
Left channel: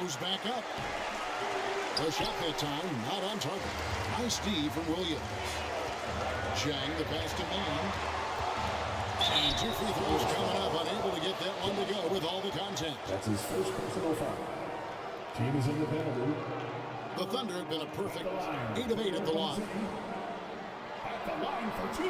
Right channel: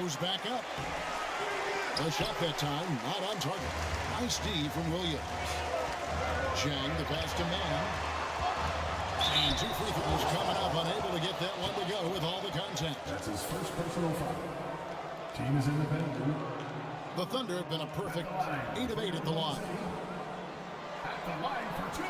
Goes back up. The shot that time not on target. Nice D from Williams. Chang the pass to Man. And 2 free throws coming up. Unable to get that one to go with all the contact. That's his first personal foul. Team is in the penalty. The Thunder have been a perfect 8 of 8 at the line. At the line for 2.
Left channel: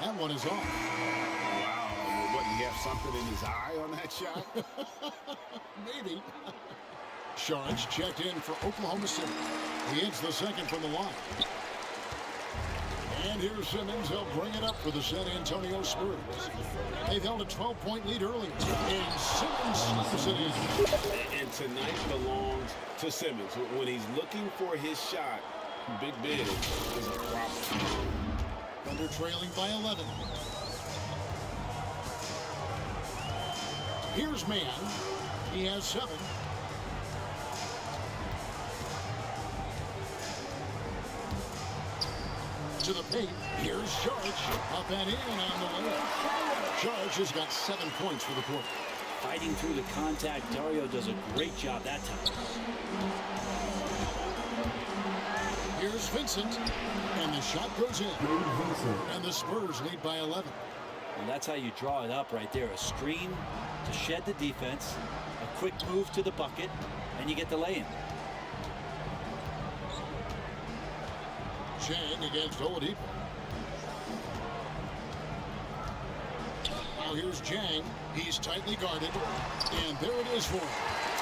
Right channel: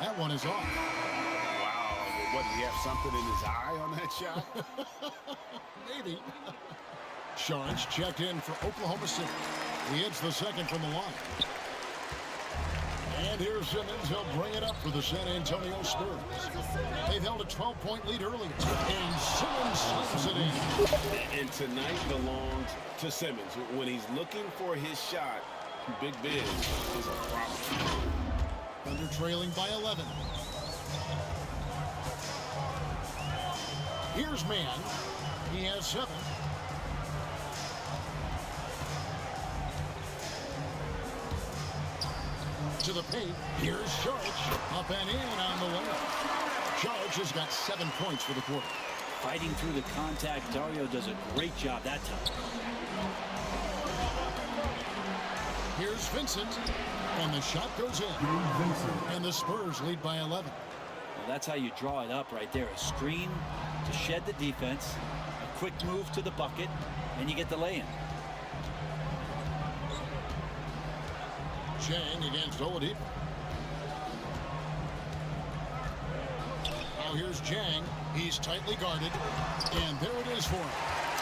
That one is off. Wow, what, did he have something in his eye on that shot? Maybe. Sharge checked in for Oklahoma City. He hits the second from the line. And here's Simmons. He'll bring it up for the San Antonio Spurs. They've held a 12-point lead earlier. And Simmons slams it in. And tonight belongs to Simmons. When he's looking for his shot, Big Ben is a problem. Thunder trailing by 11. Here's Man. He has 7. To the paint. Here's Sharge. Up and in on the layup. Sharge has got 7 points for the quarter. Fighting through the contact, Dario does a great job that time. Here's Vincent. And the shot goes in. And the Spurs lead by 11. Well, that's how you draw it up right there. A screen to shed the defense, a quick move to the bucket, and you get the lay-in. Chang against Oladipo. Now here's Chang. He's tightly guarded. And there it is for him.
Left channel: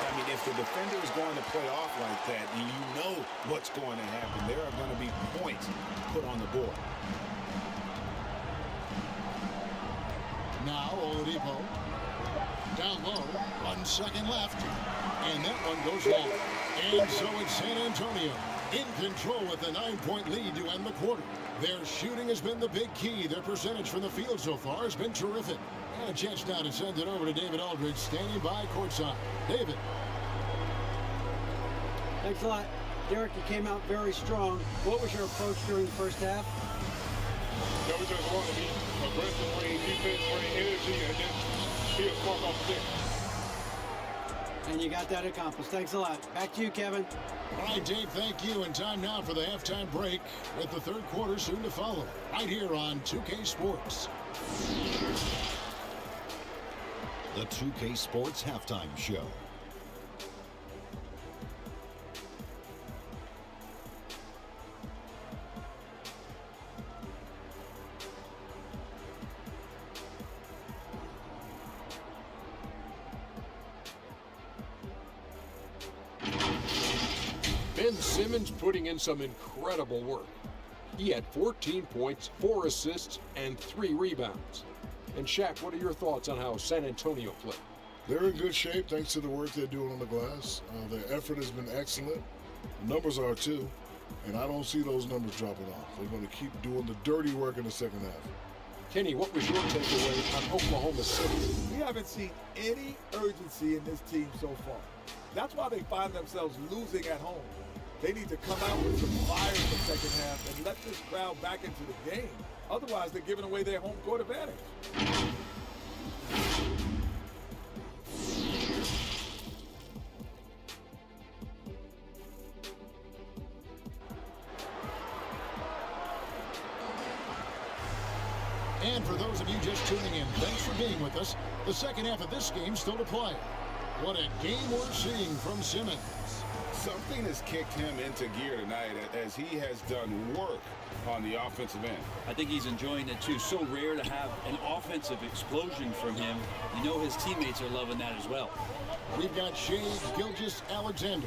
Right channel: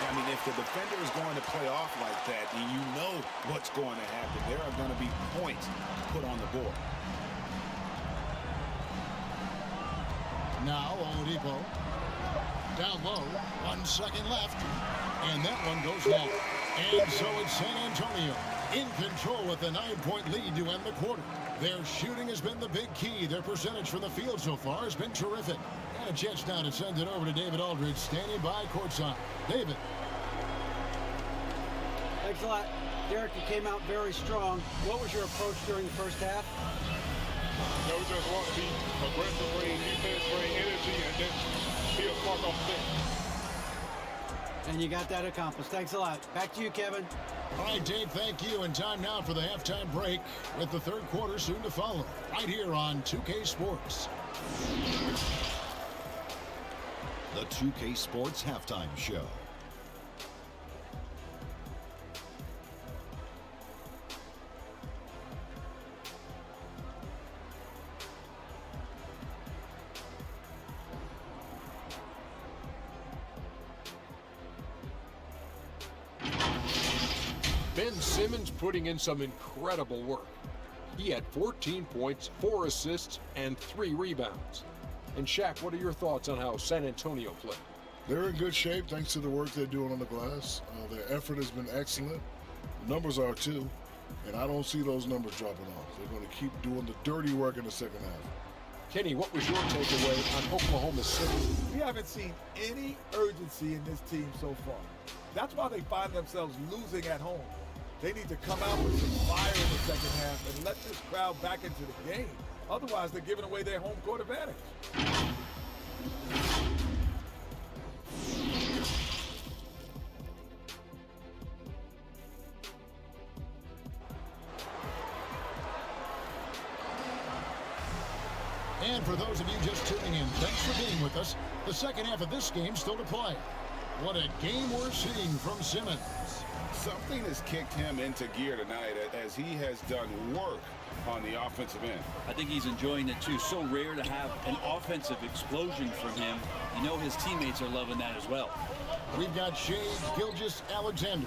I mean, if the defender is going to play off like that, you know what's going to happen. There are going to be points put on the board. Now Oladipo. Down low. 1 second left. And that one goes long. And so it's San Antonio in control with a 9-point lead to end the quarter. Their shooting has been the big key. Their percentage from the field so far has been terrific. And a chance now to send it over to David Aldridge, standing by courtside. David. Thanks a lot. Derek, you came out very strong. What was your approach during the first half? No, we just want to be aggressive, bring defense, bring energy, and then be a spark off the bench. And you got that accomplished. Thanks a lot. Back to you, Kevin. All right, Dave, thank you. And time now for the halftime break with the third quarter soon to follow. Right here on 2K Sports. The 2K Sports Halftime Show. Ben Simmons putting in some incredible work. He had 14 points, 4 assists, and 3 rebounds. And Shaq, what are your thoughts on how San Antonio played? They're in good shape thanks to the work they're doing on the glass. Their effort has been excellent. The numbers are too. And I don't see those numbers dropping off. They're going to keep doing the dirty work in the second half. Kenny, what was your takeaway on Oklahoma City? We haven't seen any urgency in this team so far. That's why they find themselves losing at home. They need to come out with some fire in the second half and let this crowd back into the game. Otherwise, they're giving away their home court advantage. And for those of you just tuning in, thanks for being with us. The second half of this game still to play. What a game we're seeing from Simmons. Something has kicked him into gear tonight as he has done work on the offensive end. I think he's enjoying it too. So rare to have an offensive explosion from him. You know his teammates are loving that as well. We've got Shai Gilgeous-Alexander.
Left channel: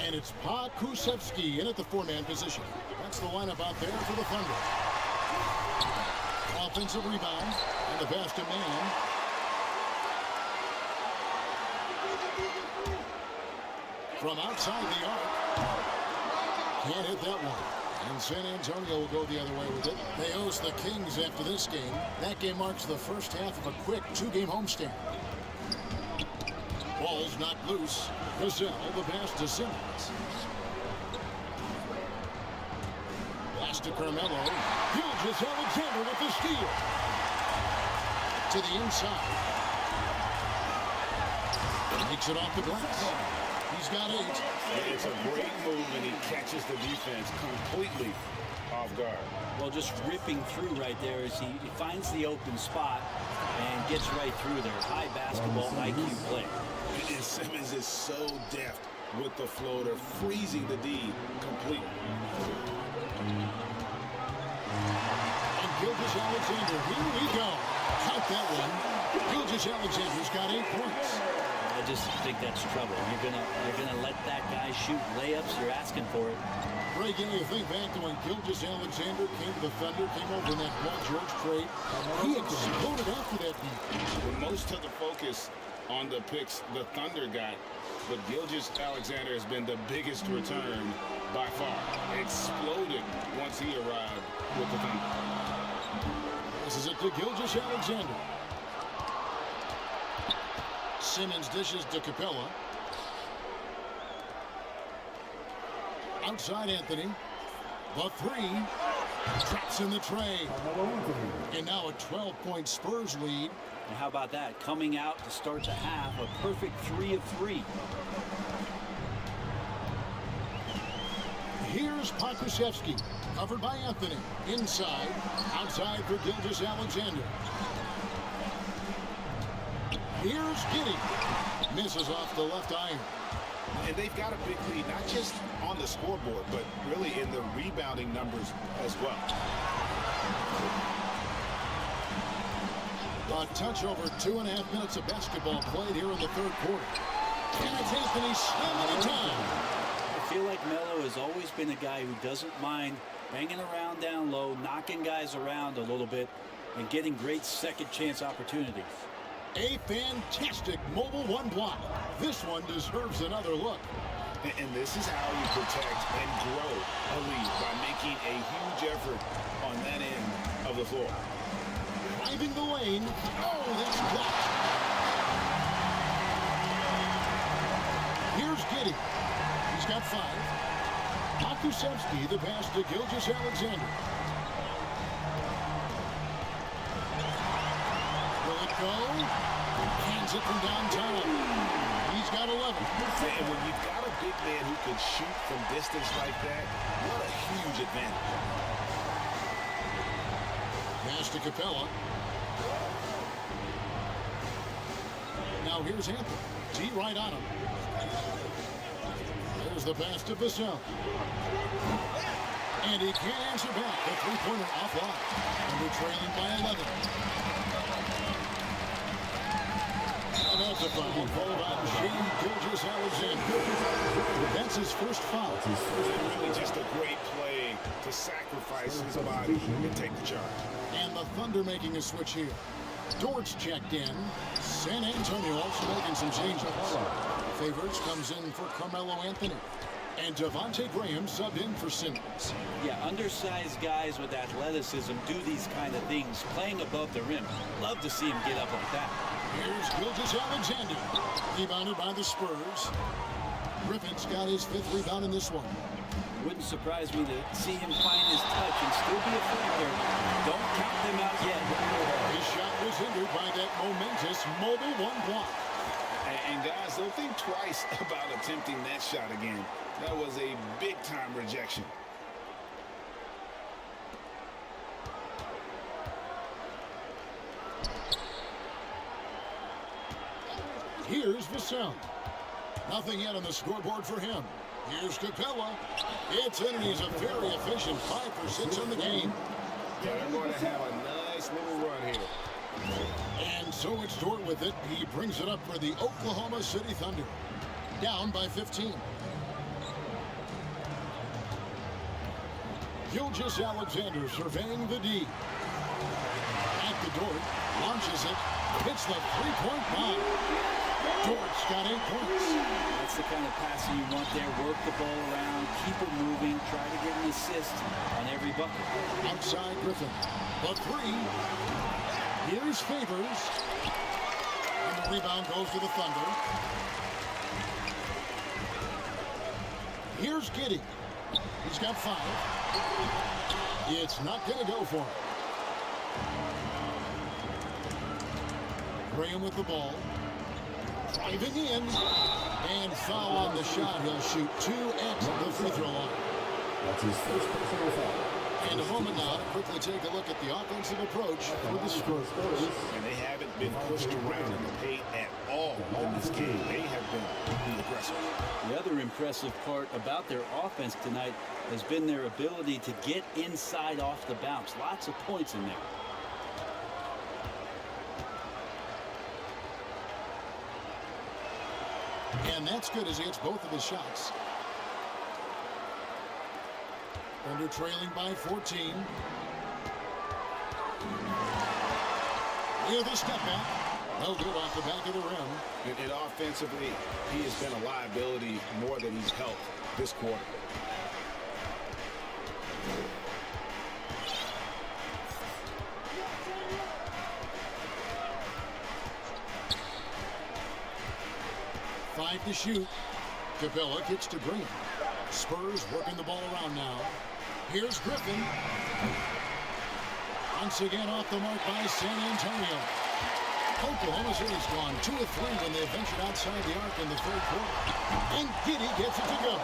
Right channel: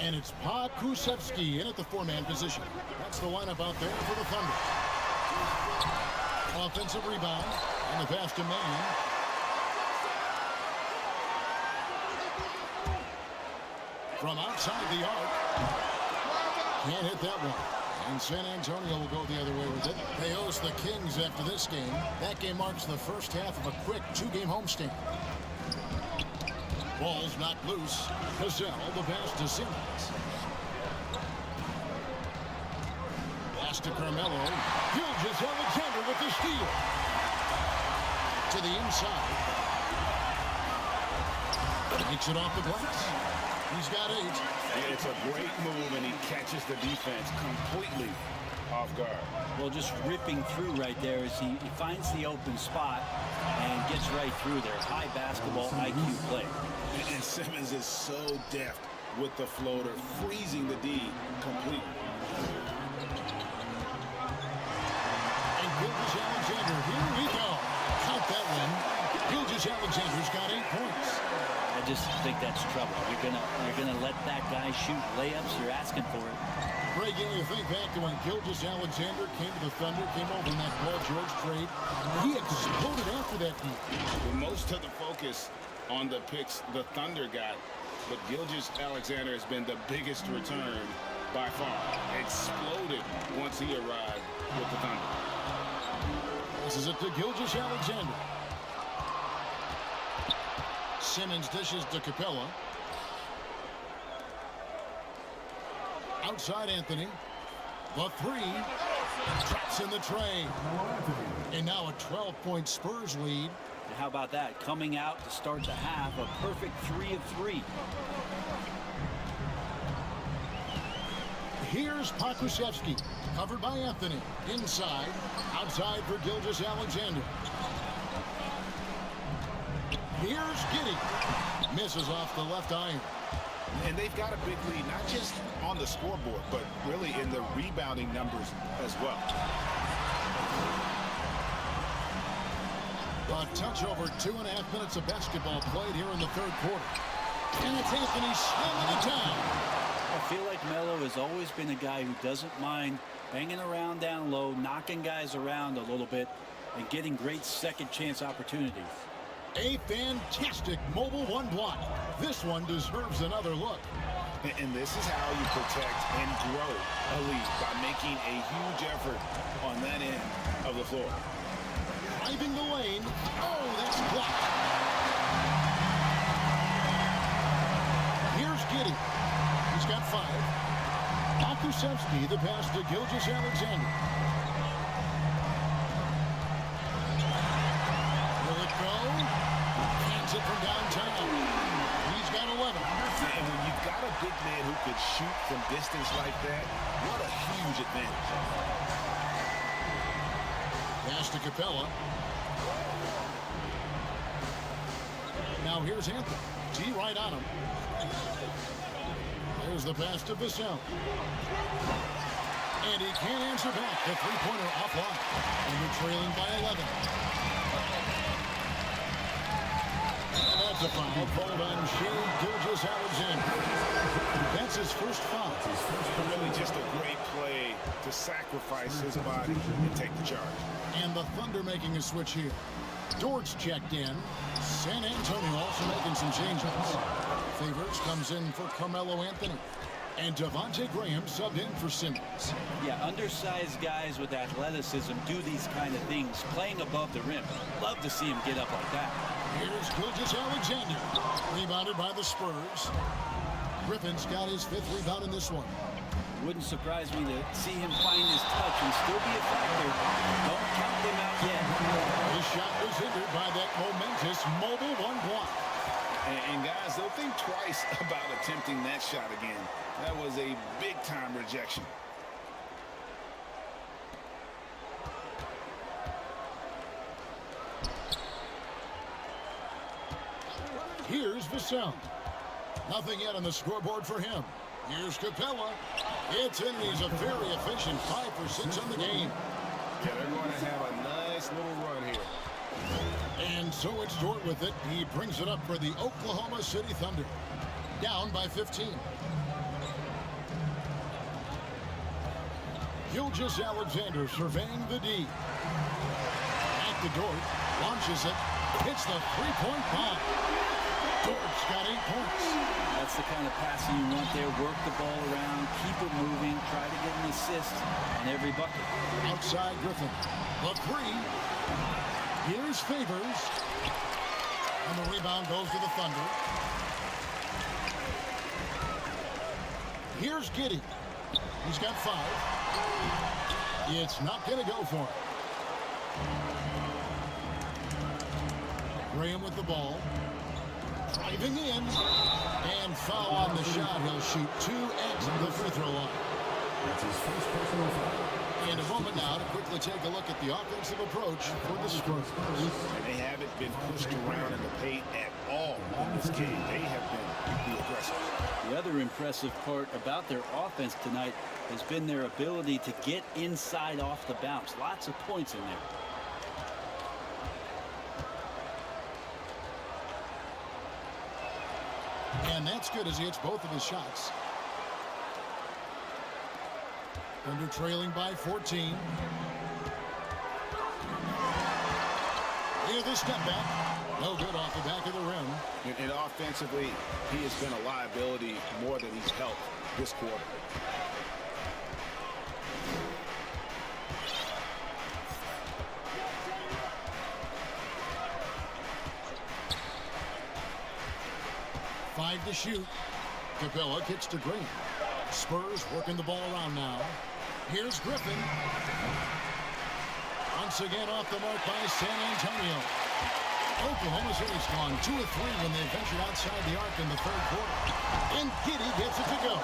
And it's Pa Kusevsky in at the 4-man position. That's the lineup out there for the Thunder. Offensive rebound, and the pass to Man. From outside the arc. Can't hit that one. And San Antonio will go the other way with it. They host the Kings after this game. That game marks the first half of a quick 2-game homestand. Ball's knocked loose. Vassell, the pass to Simmons. Pass to Carmelo. Gilgeous-Alexander with the steal. To the inside. Makes it off the glass. He's got 8. It's a great move, and he catches the defense completely off guard. Well, just ripping through right there as he finds the open spot and gets right through there. High basketball IQ play. And Simmons is so deft with the floater, freezing the D completely. And Gilgeous-Alexander, here we go. Count that one. Gilgeous-Alexander's got 8 points. I just think that's trouble. You're gonna let that guy shoot layups. You're asking for it. Greg, you think back to when Gilgeous-Alexander came to the Thunder, came over in that Paul George trade. He exploded after that deep. Well, most of the focus on the picks the Thunder got, but Gilgeous-Alexander has been the biggest return by far. Exploded once he arrived with the Thunder. Passes it to Gilgeous-Alexander. Simmons dishes to Capella. Outside Anthony. The 3. Traps in the tray. And now a 12-point Spurs lead. And how about that? Coming out to start the half, a perfect 3 of 3. Here's Pokusevsky, covered by Anthony. Inside, outside for Gilgeous-Alexander. Here's Giddey. Misses off the left iron. And they've got a big lead, not just on the scoreboard, but really in the rebounding numbers as well. A touch over 2.5 minutes of basketball played here in the third quarter. And it's Anthony slamming it down. I feel like Melo has always been a guy who doesn't mind banging around down low, knocking guys around a little bit, and getting great second chance opportunities. A fantastic mobile 1 block. This one deserves another look. And this is how you protect and grow a lead, by making a huge effort on that end of the floor. Driving the lane. Oh, that's blocked. Here's Giddey. He's got 5. Pokusevsky, the pass to Gilgeous-Alexander. Will it go? Cans it from downtown. He's got 11. And when you've got a big man who could shoot from distance like that, what a huge advantage. Pass to Capella. Now here's Anthony. T right on him. There's the pass to Vassell. And he can't answer back. The three-pointer offline. And they're trailing by 11. And that's That's a foul called on Shea Gilgeous-Alexander. That's his first foul. Really just a great play to sacrifice his body and take the charge. And the Thunder making a switch here. Dort's checked in. San Antonio also making some changes. Favors comes in for Carmelo Anthony. And Devontae Graham subbed in for Simmons. Yeah, undersized guys with athleticism do these kind of things, playing above the rim. Love to see him get up like that. Here's Gilgeous-Alexander. Rebounded by the Spurs. Griffin's got his 5th rebound in this one. Wouldn't surprise me to see him find his touch and still be a factor. Don't count them out yet. His shot was hindered by that momentous mobile one block. And guys, they'll think twice about attempting that shot again. That was a big-time rejection. Here's Vassell. Nothing yet on the scoreboard for him. Here's Capella. It's in, and he's a very efficient 5 for 6 on the game. Yeah, they're going to have a nice little run here. And so it's Dort with it. He brings it up for the Oklahoma City Thunder. Down by 15. Gilgeous-Alexander surveying the D. Back to Dort. Launches it. Hits the three-point bomb. Dort's got 8 points. That's the kind of passing you want there. Work the ball around, keep it moving, try to get an assist on every bucket. Outside Griffin. The 3. Here's Favors. And the rebound goes to the Thunder. Here's Giddey. He's got 5. It's not going to go for him. Graham with the ball. Driving in. And foul on the shot. He'll shoot 2 at the free throw line. That's his first personal foul. And a moment now to quickly take a look at the offensive approach for the Spurs. And they haven't been pushed around in the paint at all in this game. They have been the aggressors. The other impressive part about their offense tonight has been their ability to get inside off the bounce. Lots of points in there. And that's good as he hits both of his shots. Thunder trailing by 14. Here's the step back. No good off the back of the rim. And offensively, he has been a liability more than he's helped this quarter. Five to shoot. Capella kicks to Graham. Spurs working the ball around now. Here's Griffin. Once again off the mark by San Antonio. Oklahoma City's gone 2 of 3 when they ventured outside the arc in the 3rd quarter. And Giddey gets it to go.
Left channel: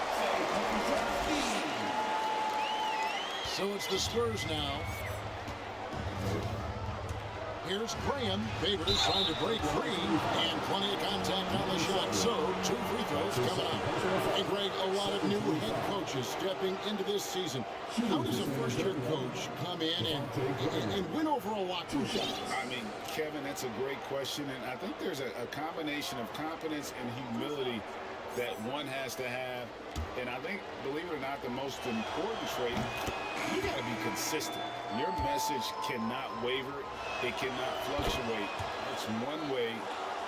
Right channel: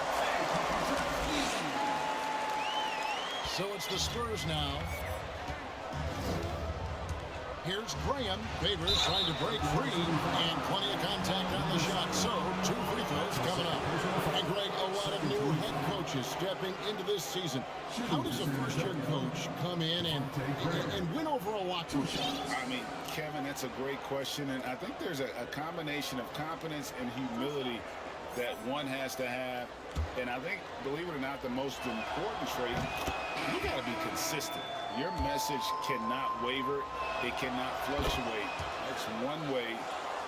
So it's the Spurs now. Here's Graham. Favors trying to break free. And plenty of contact on the shot. So 2 free throws coming up. And Greg, a lot of new head coaches stepping into this season. How does a first-year coach come in and win over a locker room? I mean, Kevin, that's a great question. And I think there's a combination of confidence and humility that one has to have. And I think, believe it or not, the most important trait, you got to be consistent. Your message cannot waver. It cannot fluctuate. That's one way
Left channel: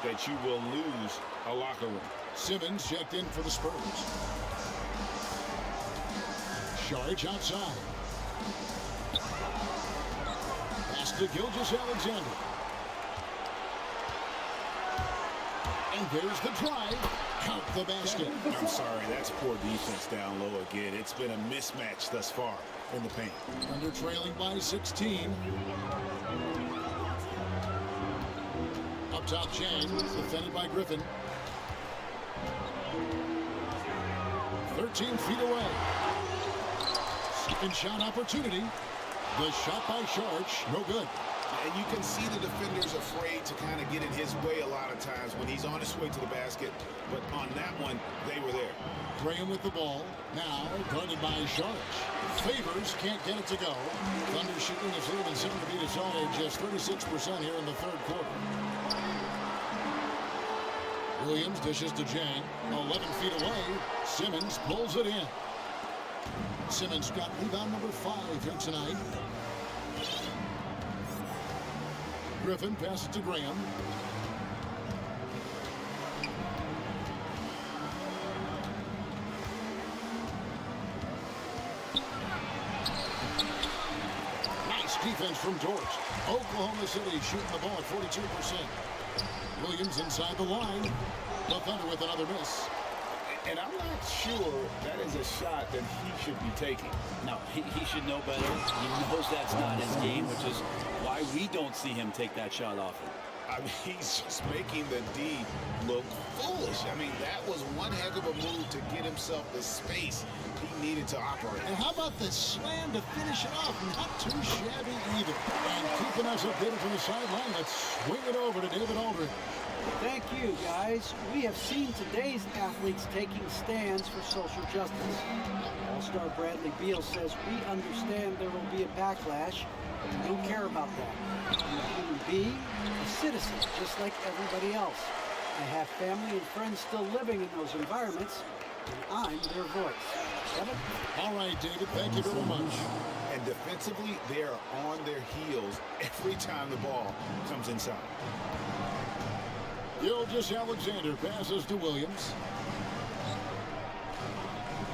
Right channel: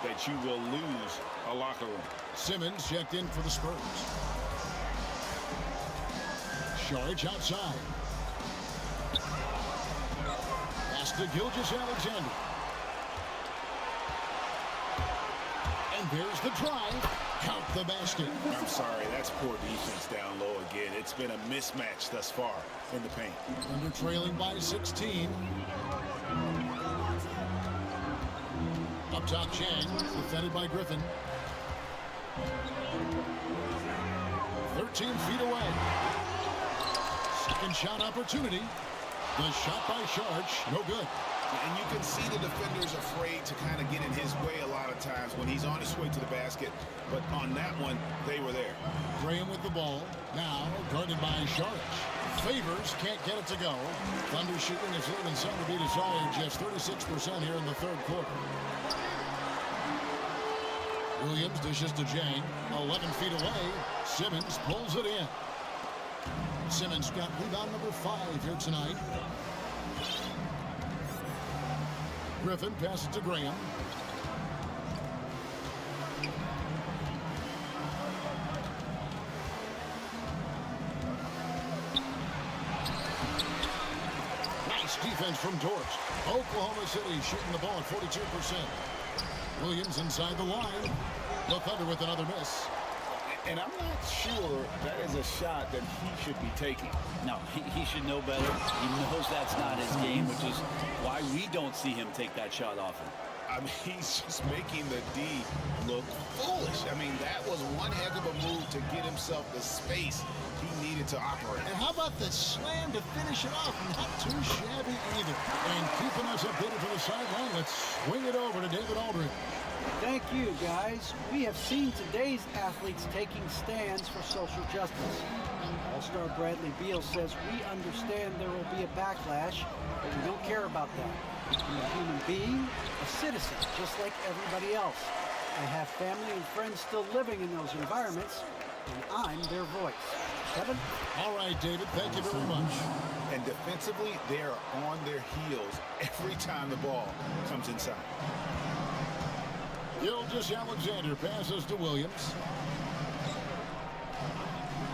that you will lose a locker room. Simmons checked in for the Spurs. Sharge outside. Pass to Gilgeous-Alexander. And there's the drive. Count the basket. I'm sorry, that's poor defense down low again. It's been a mismatch thus far in the paint. Under trailing by 16. Up top, Chang, defended by Griffin. 13 feet away. Second shot opportunity. The shot by Sharge, no good. And you can see the defender's afraid to kind of get in his way a lot of times when he's on his way to the basket. But on that one, they were there. Graham with the ball. Now guarded by Sharge. Favors can't get it to go. Thunder shooting is leaving something to be desired. Just 36% here in the 3rd quarter. Williams dishes to Jang. 11 feet away. Simmons pulls it in. Simmons got rebound number 5 here tonight. Griffin passes to Graham. Nice defense from Dort. Oklahoma City shooting the ball at 42%. Williams inside the line. The Thunder with another miss. And I'm not sure that is a shot that he should be taking. No, he should know better. He knows that's not his game, which is why we don't see him take that shot often. I mean, he's just making the D look foolish. I mean, that was one heck of a move to get himself the space he needed to operate. And how about the slam to finish it off? Not too shabby either. And keeping us updated from the sideline, let's swing it over to David Aldridge. Thank you, guys. We have seen today's athletes taking stands for social justice. All-star Bradley Beal says we understand there will be a backlash, but we don't care about that. I'm a human being, a citizen, just like everybody else. I have family and friends still living in those environments, and I'm their voice. Kevin? All right, David, thank you very much. And defensively, they are on their heels every time the ball comes inside. Gilgeous-Alexander passes to Williams.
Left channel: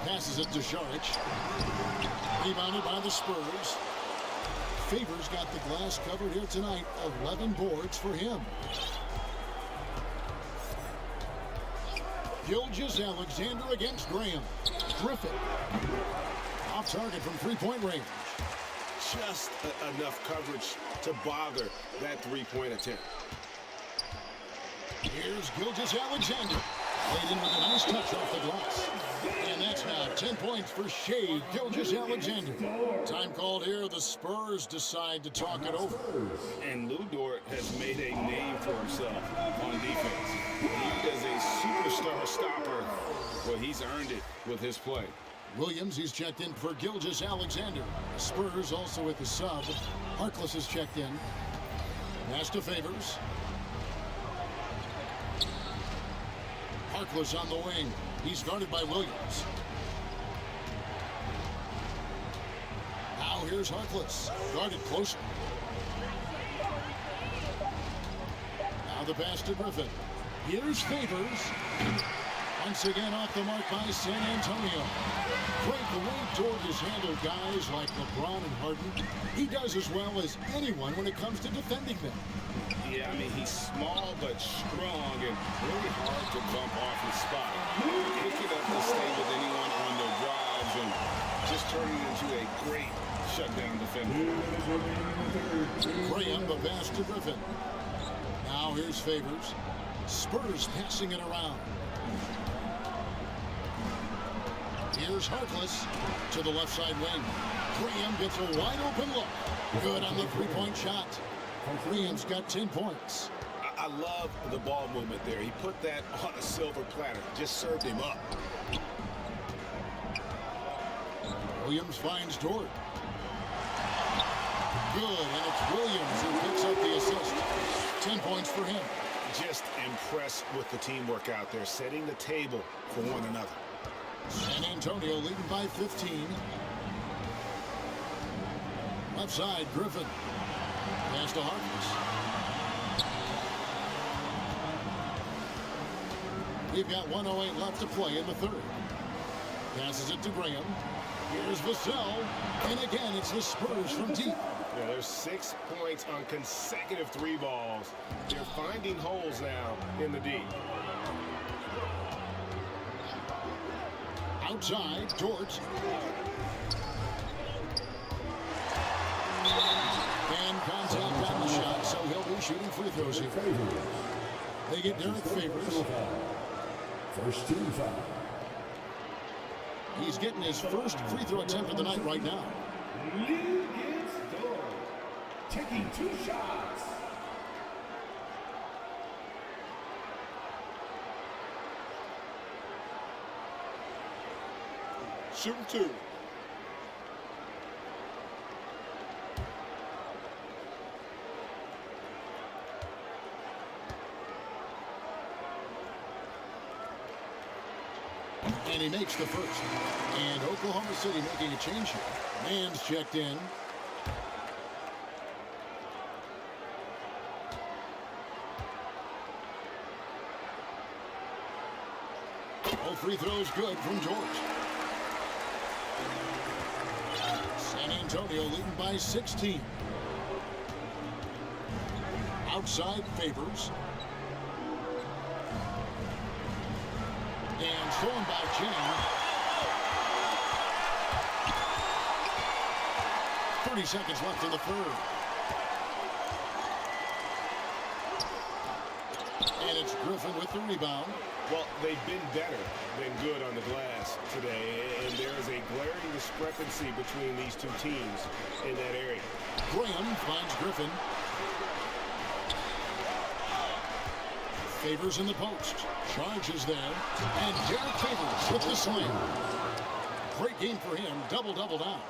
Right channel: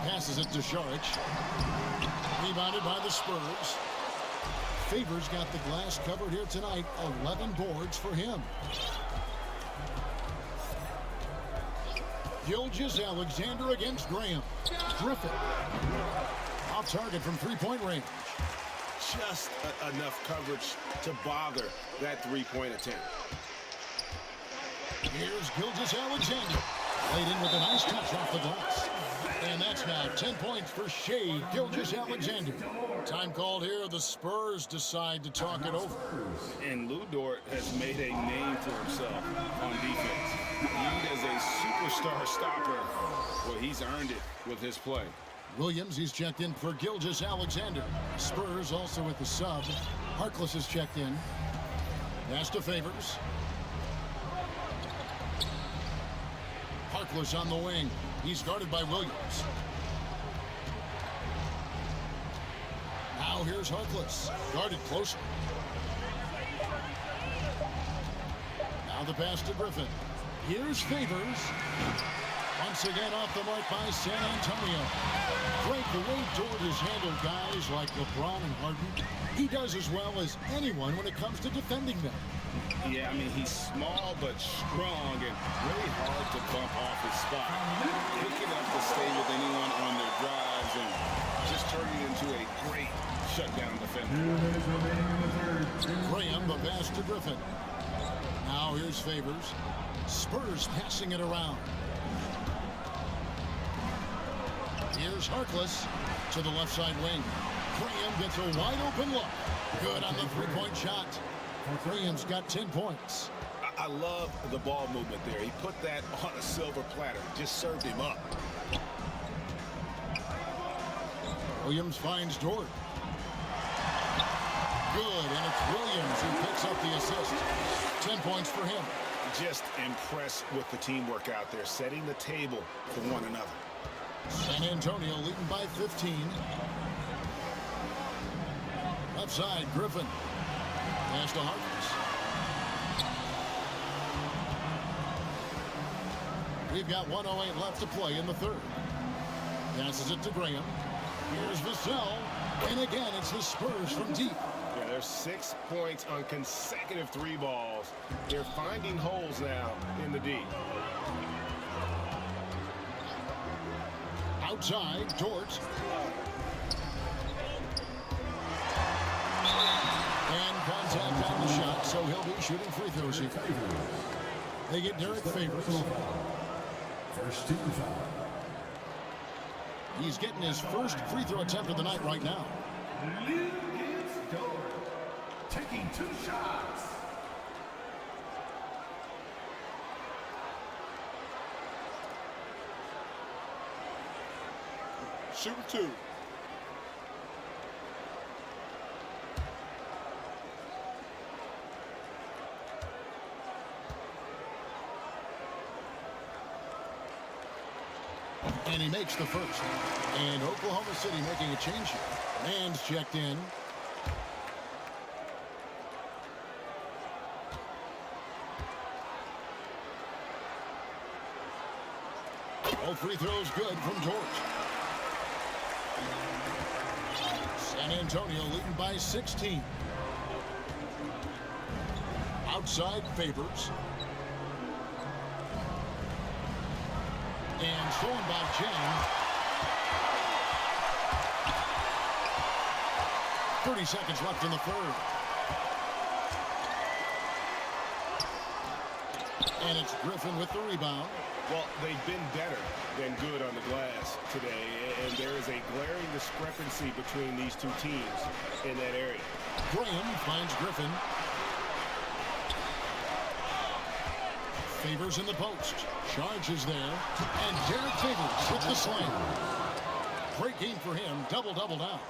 Passes it to Šarić. Rebounded by the Spurs. Favors got the glass covered here tonight. 11 boards for him. Gilgeous-Alexander against Graham. Griffin. Off target from three-point range. Just enough coverage to bother that three-point attempt. Here's Gilgeous-Alexander. Laid in with a nice touch off the glass. And that's now 10 points for Shai Gilgeous-Alexander. Time called here. The Spurs decide to talk it over. And Lou Dort has made a name for himself on defense. Viewed as a superstar stopper. Well, he's earned it with his play. Williams, he's checked in for Gilgeous-Alexander. Spurs also with the sub. Harkless is checked in. Pass to Favors. Harkless on the wing. He's guarded by Williams. Now here's Harkless. Guarded closer. Now the pass to Griffin. Here's Favors. Once again off the mark by San Antonio. Great the way Dort has handled guys like LeBron and Harden. He does as well as anyone when it comes to defending them. Yeah, I mean, he's small but strong and really hard to bump off his spot. Quick enough to stay with anyone on their drives and just turning into a great shutdown defender. Graham, the pass to Griffin. Now here's Favors. Spurs passing it around. Here's Harkless to the left side wing. Graham gets a wide open look. Good on the three-point shot. Graham's got 10 points. I love the ball movement there. He put that on a silver platter. Just served him up. Williams finds Dort. Good, and it's Williams who picks up the assist. 10 points for him. Just impressed with the teamwork out there, setting the table for one another. San Antonio leading by 15. Left side, Griffin. Pass to Harkless. We've got 1:08 left to play in the third. Passes it to Graham. Here's Vassell. And again, it's the Spurs from deep. Yeah, there's 6 points on consecutive three balls. They're finding holes now in the D. Outside, Dort. And contact on the shot, so he'll be shooting free throws here. They get Derek Favors. First team foul. He's getting his first free throw attempt of the night right now. Taking 2 shots. Shooting 2. And he makes the first. And Oklahoma City making a change here. Man's checked in. All free throws good from George. San Antonio leading by 16. Outside Favors. And stolen by Jang. 30 seconds left in the third. And it's Griffin with the rebound. Well, they've been better than good on the glass today, and there is a glaring discrepancy between these two teams in that area. Graham finds Griffin. Favors in the post. Charges there. And Derek Favors with the slam. Great game for him. Double-double down.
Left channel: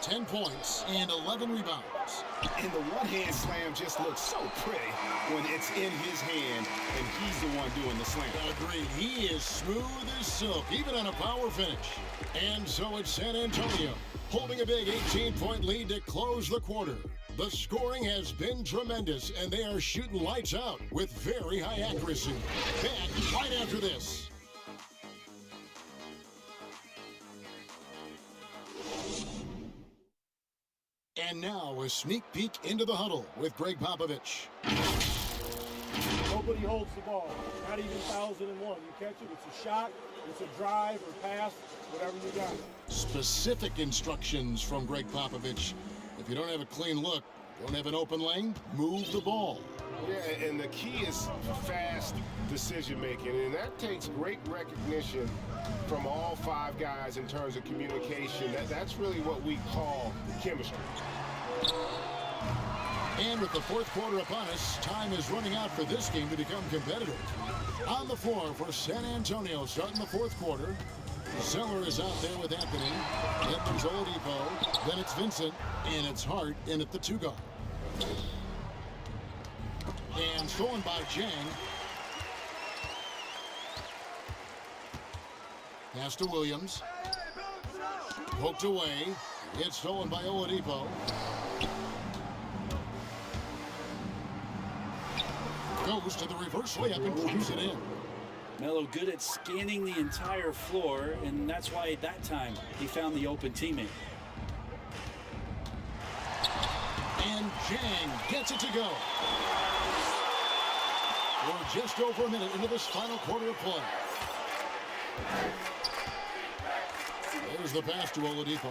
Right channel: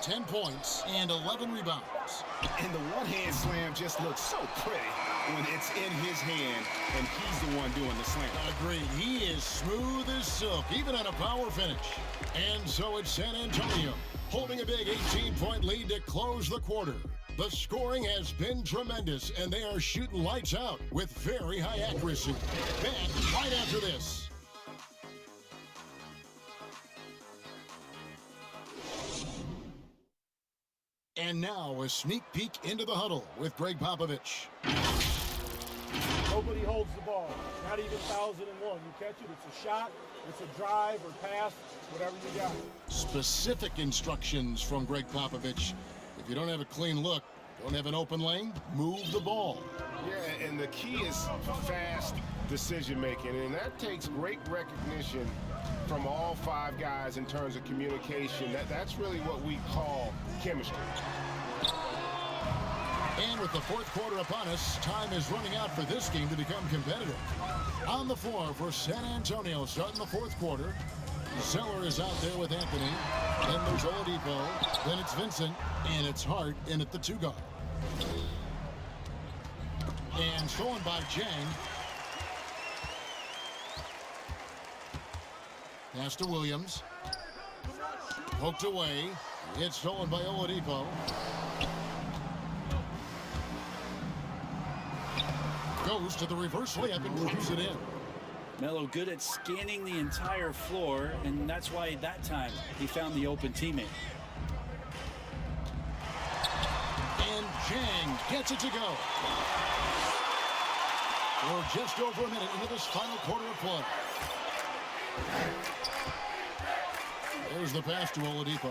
10 points and 11 rebounds. And the one-hand slam just looks so pretty when it's in his hand and he's the one doing the slam. Agreed. He is smooth as silk, even on a power finish. And so it's San Antonio holding a big 18-point lead to close the quarter. The scoring has been tremendous, and they are shooting lights out with very high accuracy. Back right after this. And now a sneak peek into the huddle with Greg Popovich. Nobody holds the ball, not even 1001. You catch it, it's a shot, it's a drive or pass, whatever you got. Specific instructions from Greg Popovich. If you don't have a clean look, don't have an open lane, move the ball. Yeah, and the key is fast decision-making, and that takes great recognition from all five guys in terms of communication. That's really what we call chemistry. And with the fourth quarter upon us, time is running out for this game to become competitive. On the floor for San Antonio starting the fourth quarter. Zeller is out there with Anthony. Then there's Oladipo. Then it's Vincent. And it's Hart in at the two guard. And stolen by Jang. Pass to Williams. Poked away. It's stolen by Oladipo. Goes to the reverse layup and pumps it in. Melo good at scanning the entire floor, and that's why that time he found the open teammate. And Jang gets it to go. We're just over a minute into this final quarter of play. There's the pass to Oladipo.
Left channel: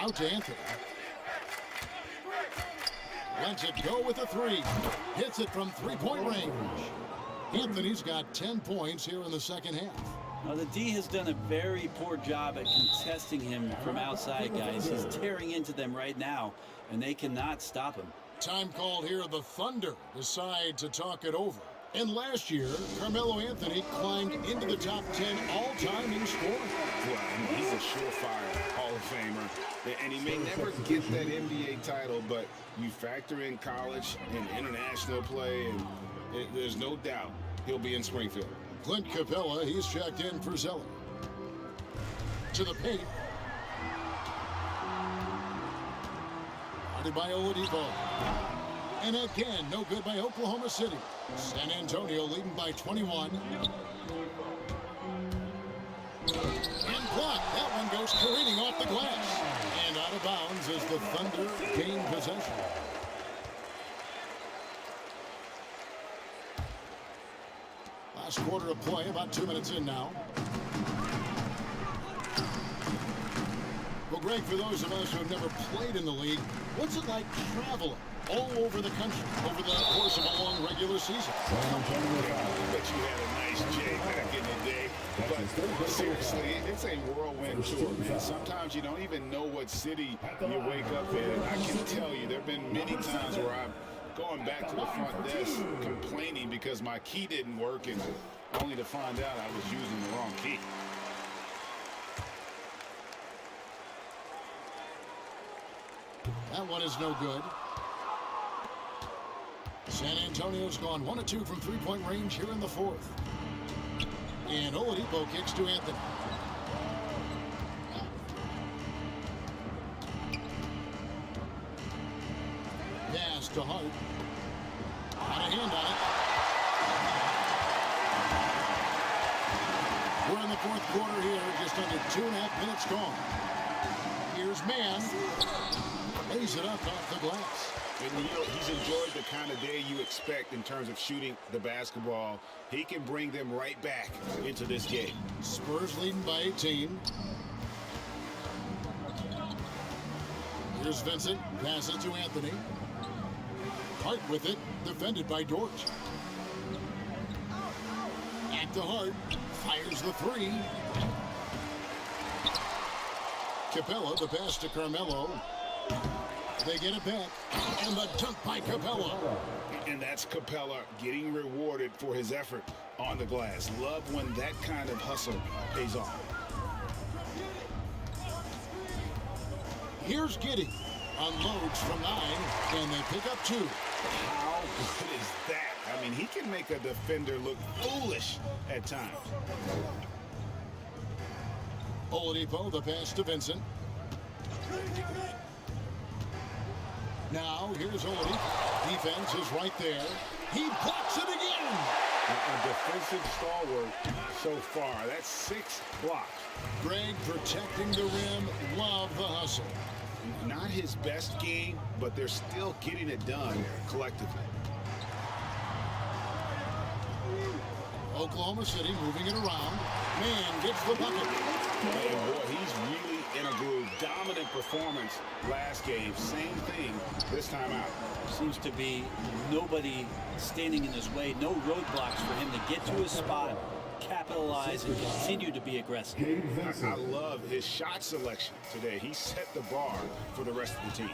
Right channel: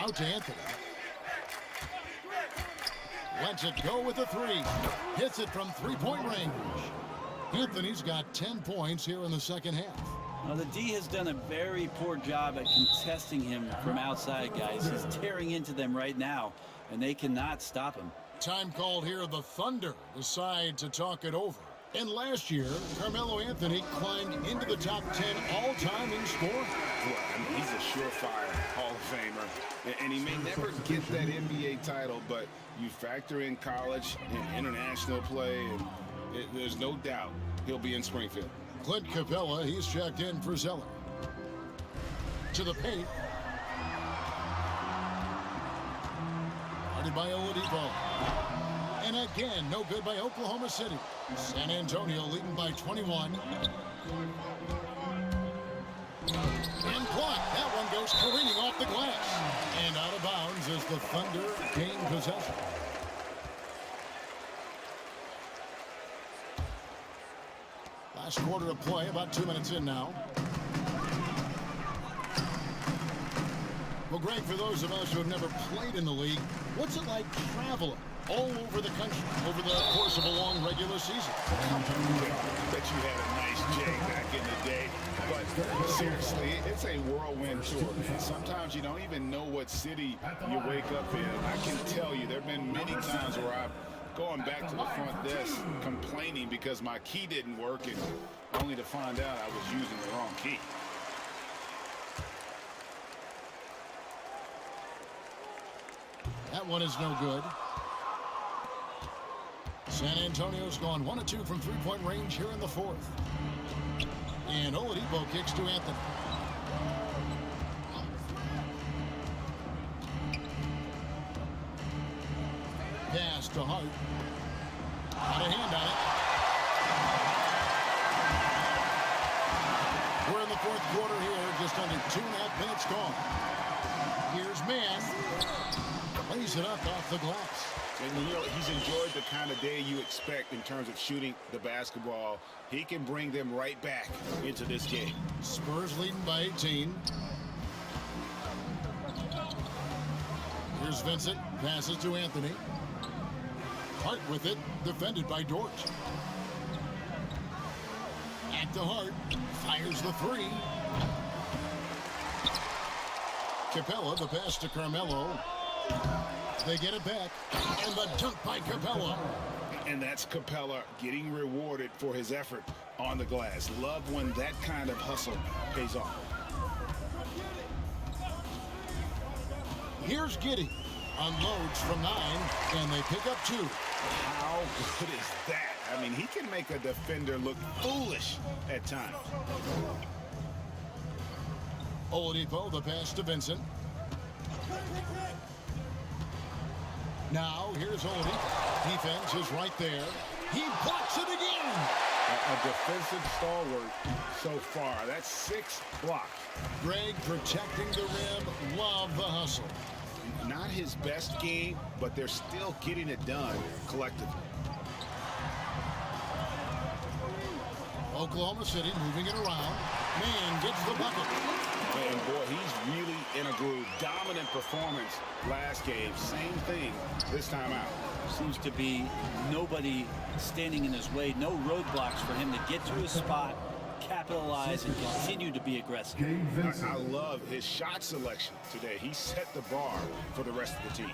Out to Anthony. Lets it go with a three. Hits it from three-point range. Anthony's got 10 points here in the second half. Now, the D has done a very poor job at contesting him from outside, guys. He's tearing into them right now, and they cannot stop him. Time called here. The Thunder decide to talk it over. And last year, Carmelo Anthony climbed into the top 10 all-time in scoring. Well, I mean, he's a surefire Hall of Famer. And he may never get that NBA title, but you factor in college and international play, and there's no doubt he'll be in Springfield. Clint Capella, he's checked in for Zeller. To the paint. Guarded by Oladipo. And again, no good by Oklahoma City. San Antonio leading by 21. And blocked. That one goes careening off the glass. And out of bounds as the Thunder gain possession. Last quarter of play, about 2 minutes in now. Well, Greg, for those of us who have never played in the league, what's it like traveling all over the country over the course of a long regular season? Come on, I bet you had a nice J back in the day. But seriously, it's a whirlwind tour, man. Sometimes you don't even know what city you wake up in. I can tell you, there have been many times where I've going back to the front desk complaining because my key didn't work, and only to find out I was using the wrong key. That one is no good. San Antonio's gone 1 of 2 from three-point range here in the fourth. And Oladipo kicks to Anthony. Pass to Hart. Got a hand on it. We're in the fourth quarter here. Just under 2.5 minutes gone. Here's Mann. Lays it up off the glass. And you know, he's enjoyed the kind of day you expect in terms of shooting the basketball. He can bring them right back into this game. Spurs leading by 18. Here's Vincent. Passes to Anthony. Hart with it. Defended by Dort. At the Hart. Fires the three. Capella, the pass to Carmelo. They get it back. And the dunk by Capella. And that's Capella getting rewarded for his effort on the glass. Love when that kind of hustle pays off. Here's Giddey. Unloads from 9, and they pick up 2. How good is that? I mean, he can make a defender look foolish at times. Oladipo, the pass to Vincent. Now, here's Oladipo. Defense is right there. He blocks it again. A defensive stalwart so far. That's 6 blocks. Greg protecting the rim. Love the hustle. Not his best game, but they're still getting it done collectively. Oklahoma City moving it around. Mann gets the bucket. And boy, he's really in a groove. Dominant performance last game. Same thing this time out. Seems to be nobody standing in his way. No roadblocks for him to get to his spot, capitalize, and continue to be aggressive. I love his shot selection today. He set the bar for the rest of the team.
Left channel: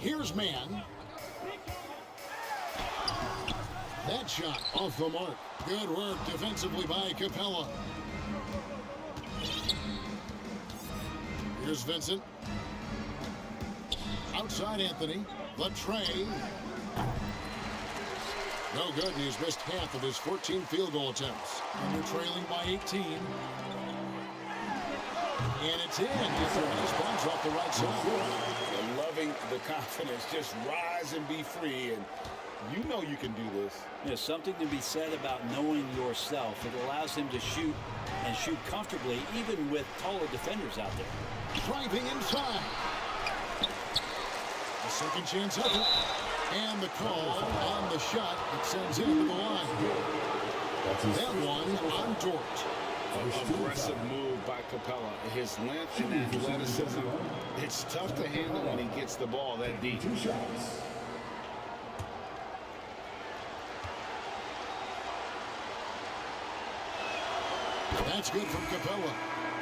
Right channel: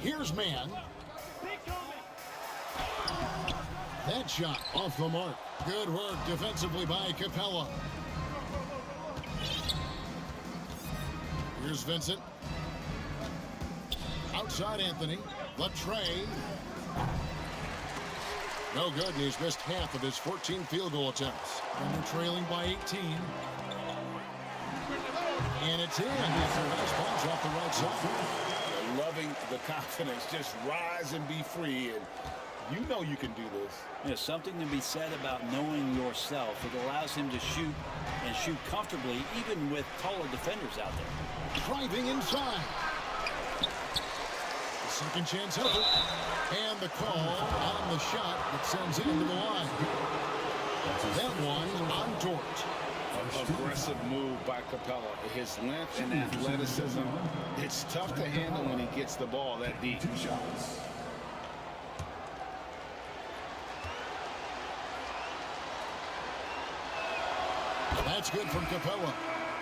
Here's Mann. That shot off the mark. Good work defensively by Capella. Here's Vincent. Outside Anthony. The tray. No good, and he's missed half of his 14 field goal attempts. Under trailing by 18. And it's in after a nice bounce off the right side. Loving the confidence. Just rise and be free. And you know you can do this. There's something to be said about knowing yourself. It allows him to shoot and shoot comfortably, even with taller defenders out there. Driving inside. The second chance effort. And the call on the shot that sends him to the line. That one on Dort. Aggressive move by Capella. His length and athleticism. It's tough to handle when he gets the ball that deep. That's good from Capella.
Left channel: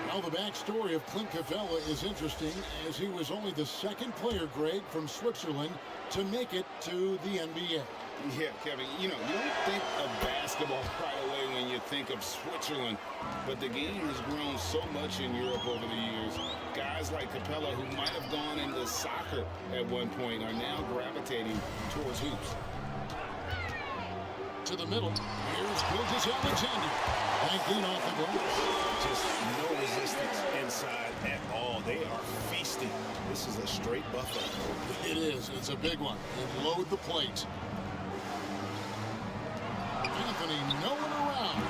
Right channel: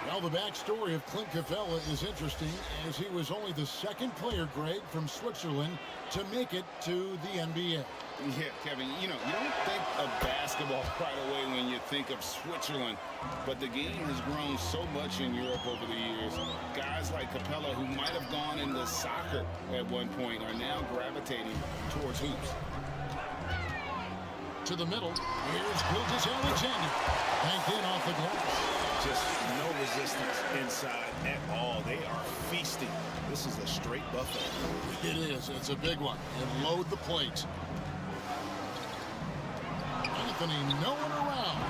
Now the backstory of Clint Capella is interesting, as he was only the second player, Greg, from Switzerland to make it to the NBA. Yeah, Kevin, you know, you don't think of basketball right away when you think of Switzerland, but the game has grown so much in Europe over the years. Guys like Capella, who might have gone into soccer at one point, are now gravitating towards hoops. To the middle, here's Gilgeous-Alexander. Banked in off the glass. Just no resistance inside at all. They are feasting. This is a straight buffet. It is. It's a big one. And load the plate. Anthony, no one around.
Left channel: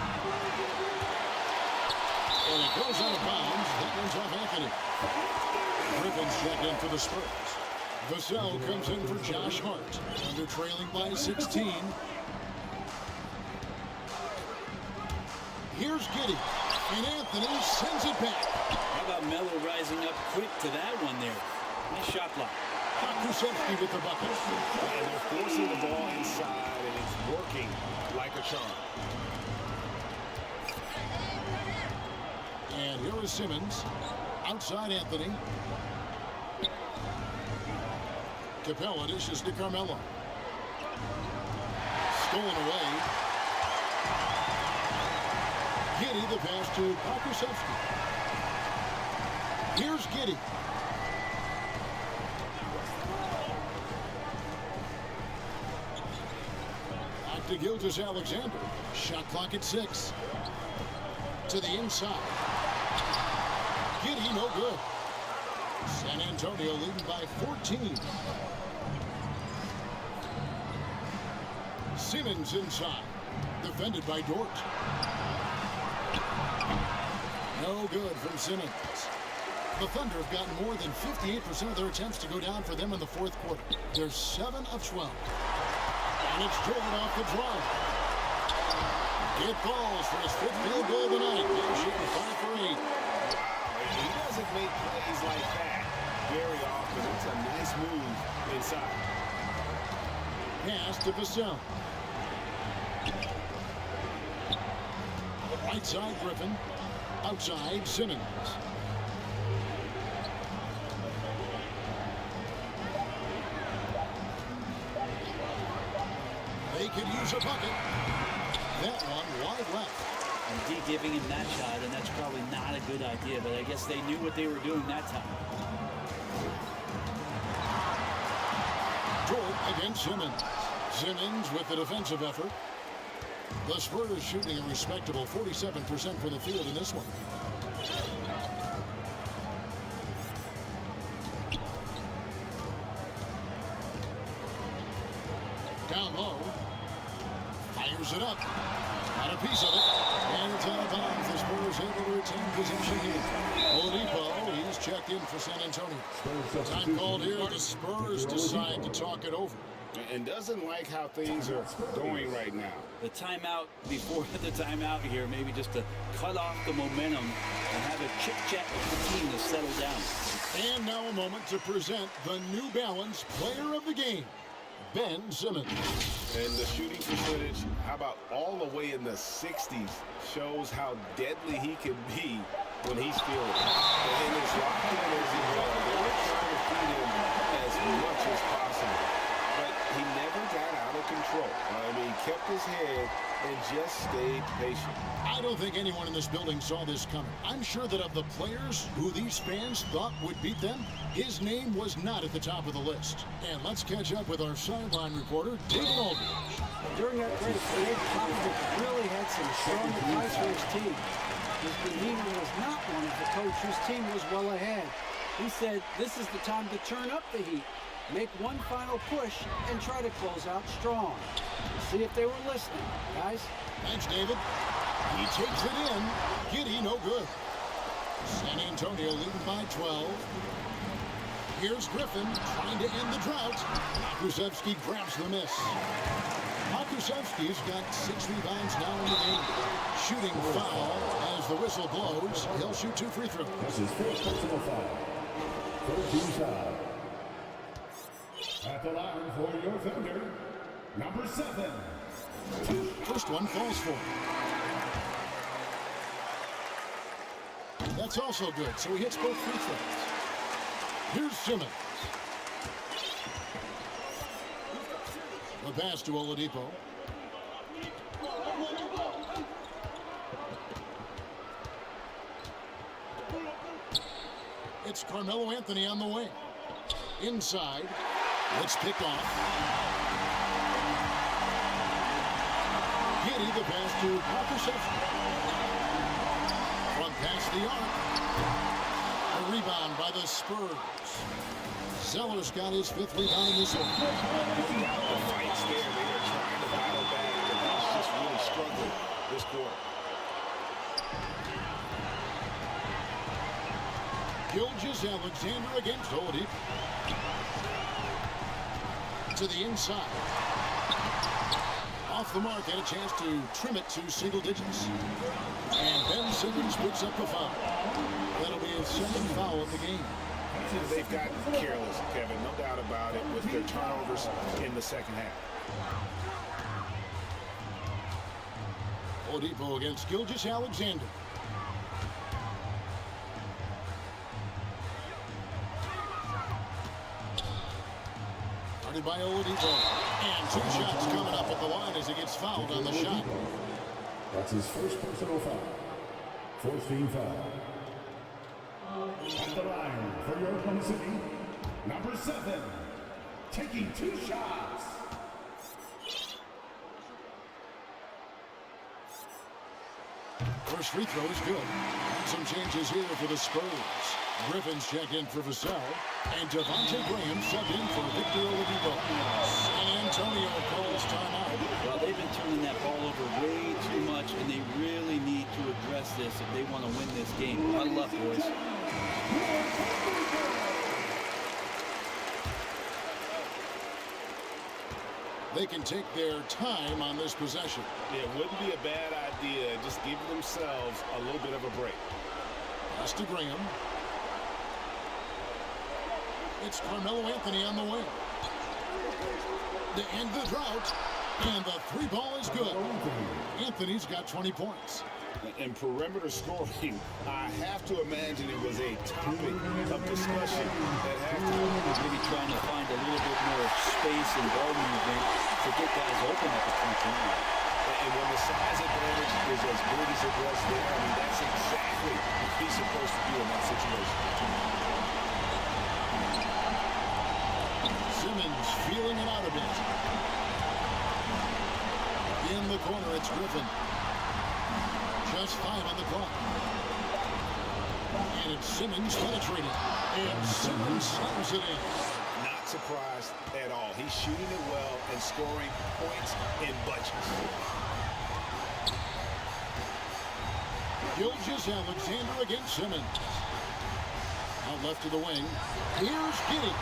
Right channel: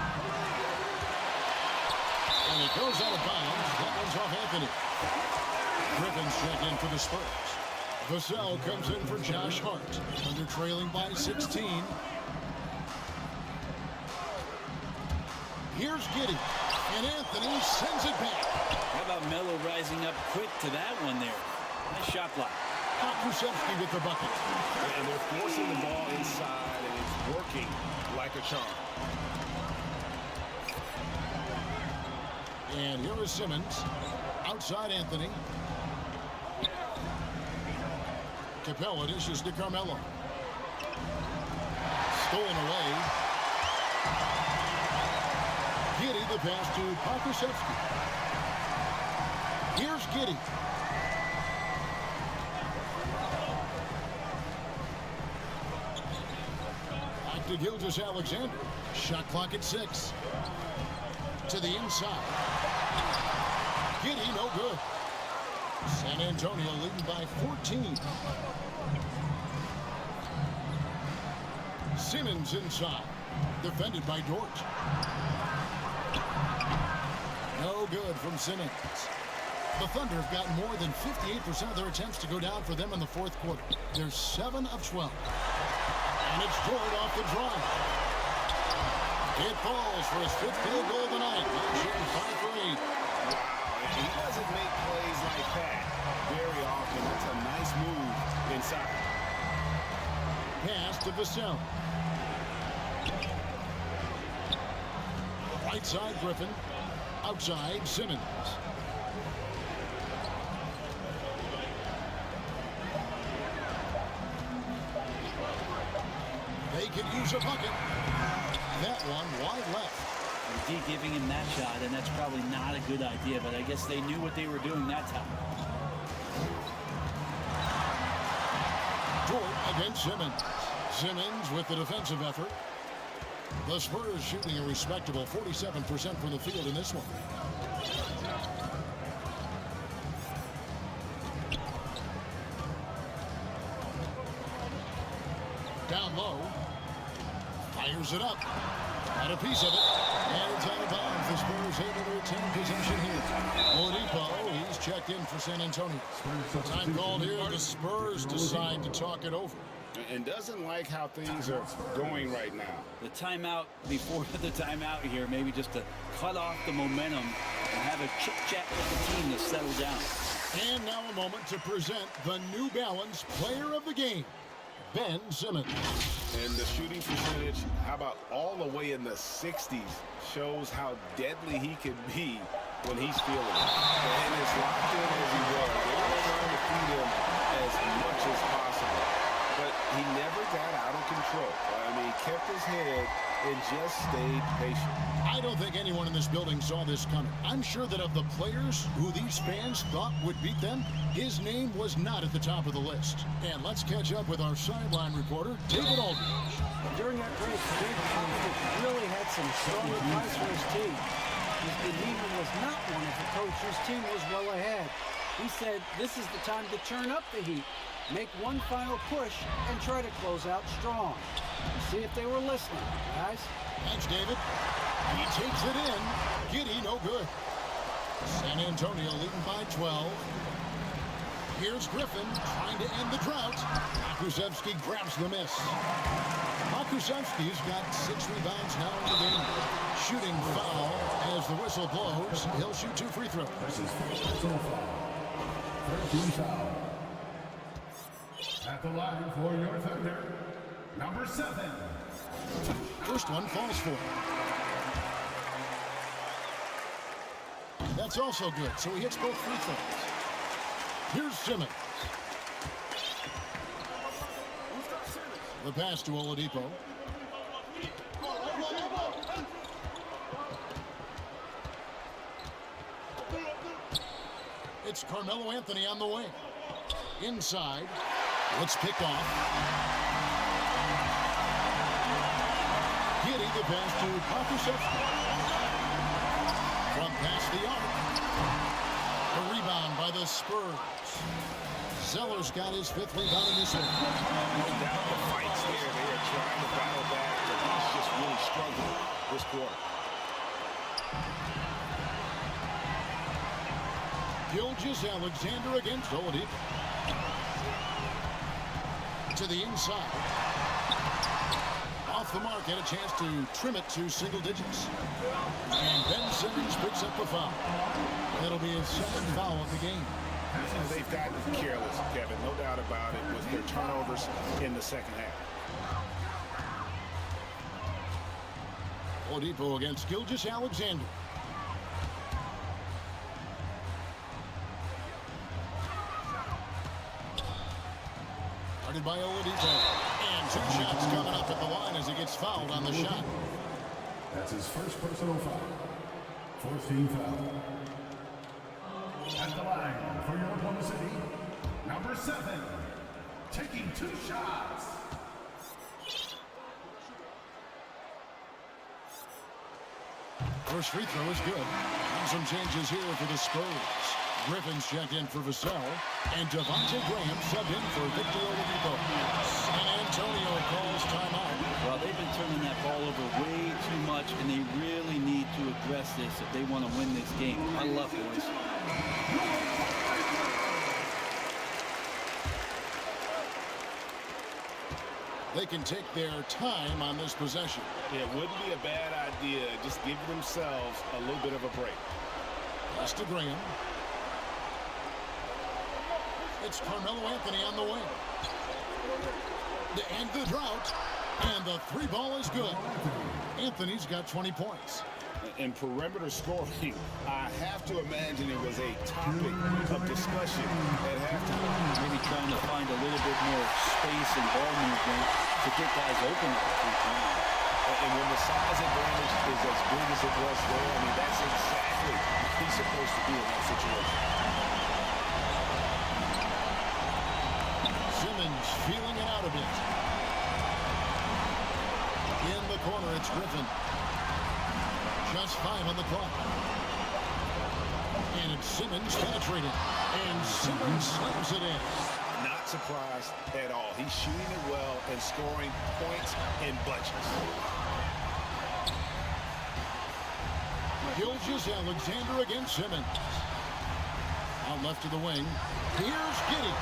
And it goes out of bounds. That one's off Anthony. Griffin's check in for the Spurs. Vassell comes in for Josh Hart. Under trailing by 16. Here's Giddey, and Anthony sends it back. How about Melo rising up quick to that one there? Nice shot block. Pokusevski with the bucket. And they're forcing the ball inside, and it's working like a charm. And here is Simmons. Outside Anthony. Capella dishes to Carmelo. Stolen away. Giddey, the pass to Pokusevski. Here's Giddey. Back Back to Gilgeous-Alexander. Shot clock at 6. To the inside. Giddy, no good. San Antonio leading by 14. Simmons inside. Defended by Dort. No good from Simmons. The Thunder have gotten more than 58% of their attempts to go down for them in the fourth quarter. They're 7 of 12. And it's Dort off the drive. It falls for his 5th field goal of the night. Now shooting 5 for 8. Wow, he doesn't make plays like that very often. That's a nice move inside. Pass to Vassell. Right side Griffin. Outside Simmons. They could use a bucket. That one wide left. And D giving him that shot, and that's probably not a good idea, but I guess they knew what they were doing that time. Dort against Simmons. Simmons with the defensive effort. The Spurs shooting a respectable 47% from the field in this one. Down low. Fires it up. Got a piece of it. And it's out of bounds. The Spurs able to retain possession here. Oladipo, he's checked in for San Antonio. Time called here. The Spurs decide to talk it over. And doesn't like how things are going right now. The timeout before the timeout here, maybe just to cut off the momentum and have a chit-chat with the team to settle down. And now a moment to present the New Balance Player of the Game, Ben Simmons. And the shooting percentage, how about all the way in the 60s, shows how deadly he can be when he's feeling it. And as locked in as he was, they were trying to feed him as much as possible. But he never got out of control. I mean, he kept his head and just stayed patient. I don't think anyone in this building saw this coming. I'm sure that of the players who these fans thought would beat them, his name was not at the top of the list. And let's catch up with our sideline reporter, David Aldridge. During that break, Greg Popovich really had some strong advice for his team. His demeanor was not one of the coach whose team was well ahead. He said, this is the time to turn up the heat. Make one final push and try to close out strong. We'll see if they were listening, guys. Thanks, David. He takes it in. Giddy, no good. San Antonio leading by 12. Here's Griffin trying to end the drought. Pokusevski grabs the miss. Pokusevski's got 6 rebounds now in the game. Shooting foul as the whistle blows. He'll shoot 2 free throws. That's his 4th personal foul. 13 foul. At the line for your Thunder, number 7. First one falls for. That's also good, so he hits both free throws. Here's Simmons. The pass to Oladipo. It's Carmelo Anthony on the wing. Inside. It's picked off. Giddy, the pass to Pokusevski. From past the arc. The rebound by the Spurs. Zeller's got his 5th rebound in this one. No doubt the fight's there. They are trying to battle back, but he's just really struggling this quarter. Gilgeous-Alexander against Oladipo. To the inside. Off the mark, had a chance to trim it to single digits. And Ben Simmons picks up the foul. That'll be his 2nd foul of the game. And they've gotten careless, Kevin, no doubt about it, with their turnovers in the second half. Oladipo against Gilgeous-Alexander. Guarded by Oladipo. And 2 shots coming up at the line as he gets fouled on the shot. That's his 1st personal foul. 4th team foul. At the line for your Oklahoma City, number 7. Taking 2 shots. First free throw is good. And some changes here for the Spurs. Griffin's checked in for Vassell, and Devontae Graham subbed in for Victor Oladipo. San Antonio calls timeout. Well, they've been turning that ball over way too much, and they really need to address this if they want to win this game. Huddle up, boys. They can take their time on this possession. It wouldn't be a bad idea. Just give themselves a little bit of a break. Pass to Graham. It's Carmelo Anthony on the wing. To end the drought. And the three ball is good. Anthony's got 20 points. In perimeter scoring, I have to imagine it was a topic of discussion at halftime. Maybe trying to find a little bit more space and ball movement to get guys open at the three-point line. And when the size advantage is as good as it was there, I mean, that's exactly what he's supposed to do in that situation. Simmons feeling it out a bit. In the corner, it's Griffin. Just 5 on the clock. And it's Simmons penetrating. And Simmons slams it in. Not surprised at all. He's shooting it well and scoring points in bunches. Gilgeous-Alexander against Simmons. Out left to the wing. Here's Giddey.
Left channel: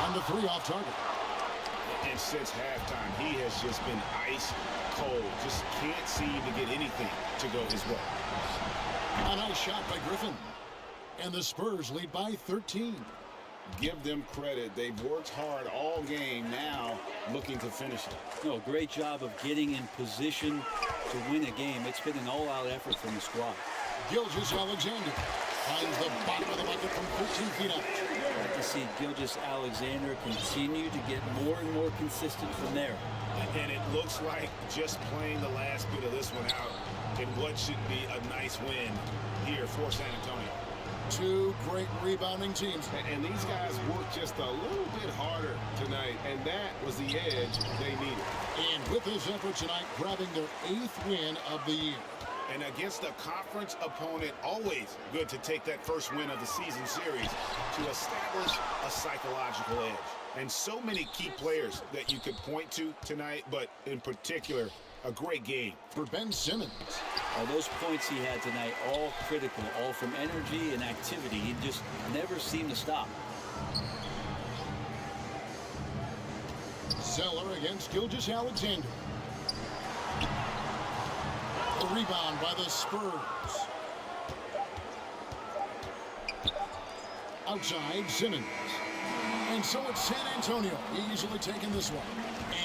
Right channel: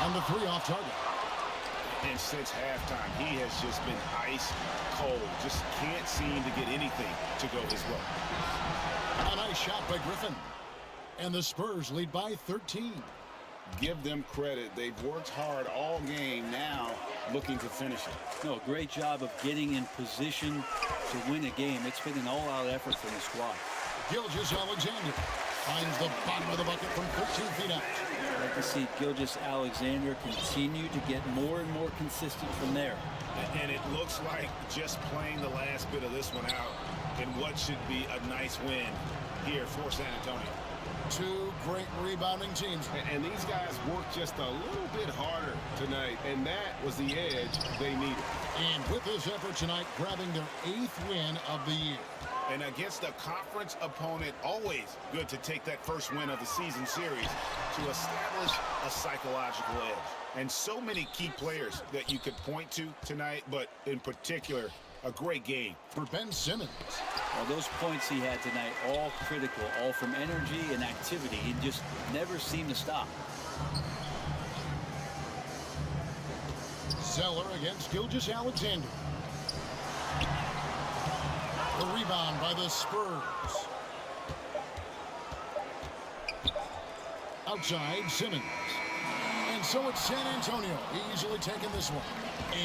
On the three off target. And since halftime, he has just been ice cold. Just can't seem to get anything to go his way. A nice shot by Griffin. And the Spurs lead by 13. Give them credit. They've worked hard all game, now looking to finish it. No, great job of getting in position to win a game. It's been an all-out effort from the squad. Gilgeous-Alexander finds the bottom of the bucket from 13 feet out. I'd like to see Gilgeous-Alexander continue to get more and more consistent from there. And it looks like just playing the last bit of this one out in what should be a nice win here for San Antonio. Two great rebounding teams. And these guys worked just a little bit harder tonight, and that was the edge they needed. And with this effort tonight, grabbing their 8th win of the year. And against a conference opponent, always good to take that first win of the season series to establish a psychological edge. And so many key players that you could point to tonight, but in particular, a great game for Ben Simmons. Well, those points he had tonight, all critical, all from energy and activity. He just never seemed to stop. Zeller against Gilgeous-Alexander. The rebound by the Spurs. Outside, Simmons. And so it's San Antonio easily taking this one.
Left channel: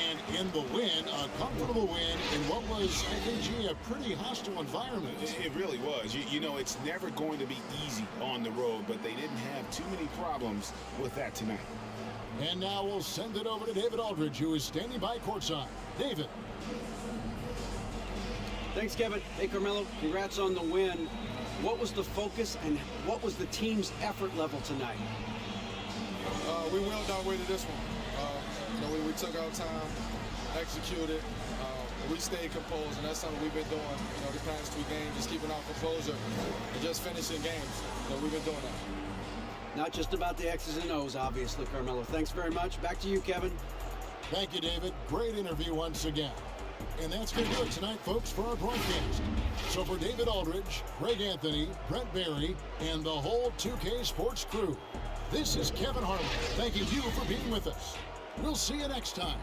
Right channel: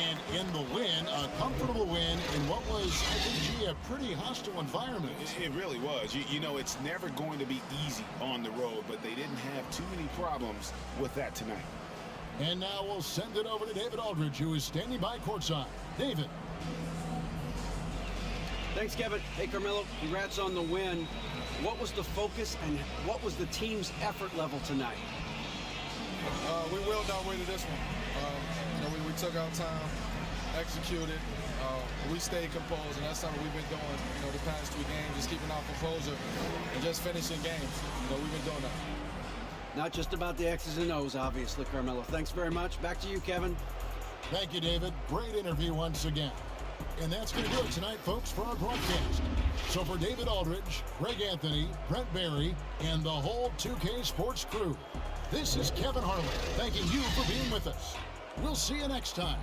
And in the win, a comfortable win in what was, I think, a pretty hostile environment. It really was. You know, it's never going to be easy on the road, but they didn't have too many problems with that tonight. And now we'll send it over to David Aldridge, who is standing by courtside. David. Thanks, Kevin. Hey, Carmelo, congrats on the win. What was the focus and what was the team's effort level tonight? We willed our way to this one. We took our time, executed. We stayed composed, and that's something we've been doing, the past 3 games, just keeping our composure and just finishing games. We've been doing that. Not just about the X's and O's, obviously, Carmelo. Thanks very much. Back to you, Kevin. Thank you, David. Great interview once again. And that's going to do it tonight, folks, for our broadcast. So for David Aldridge, Greg Anthony, Brent Barry, and the whole 2K Sports crew, this is Kevin Harlan thanking you for being with us. We'll see you next time.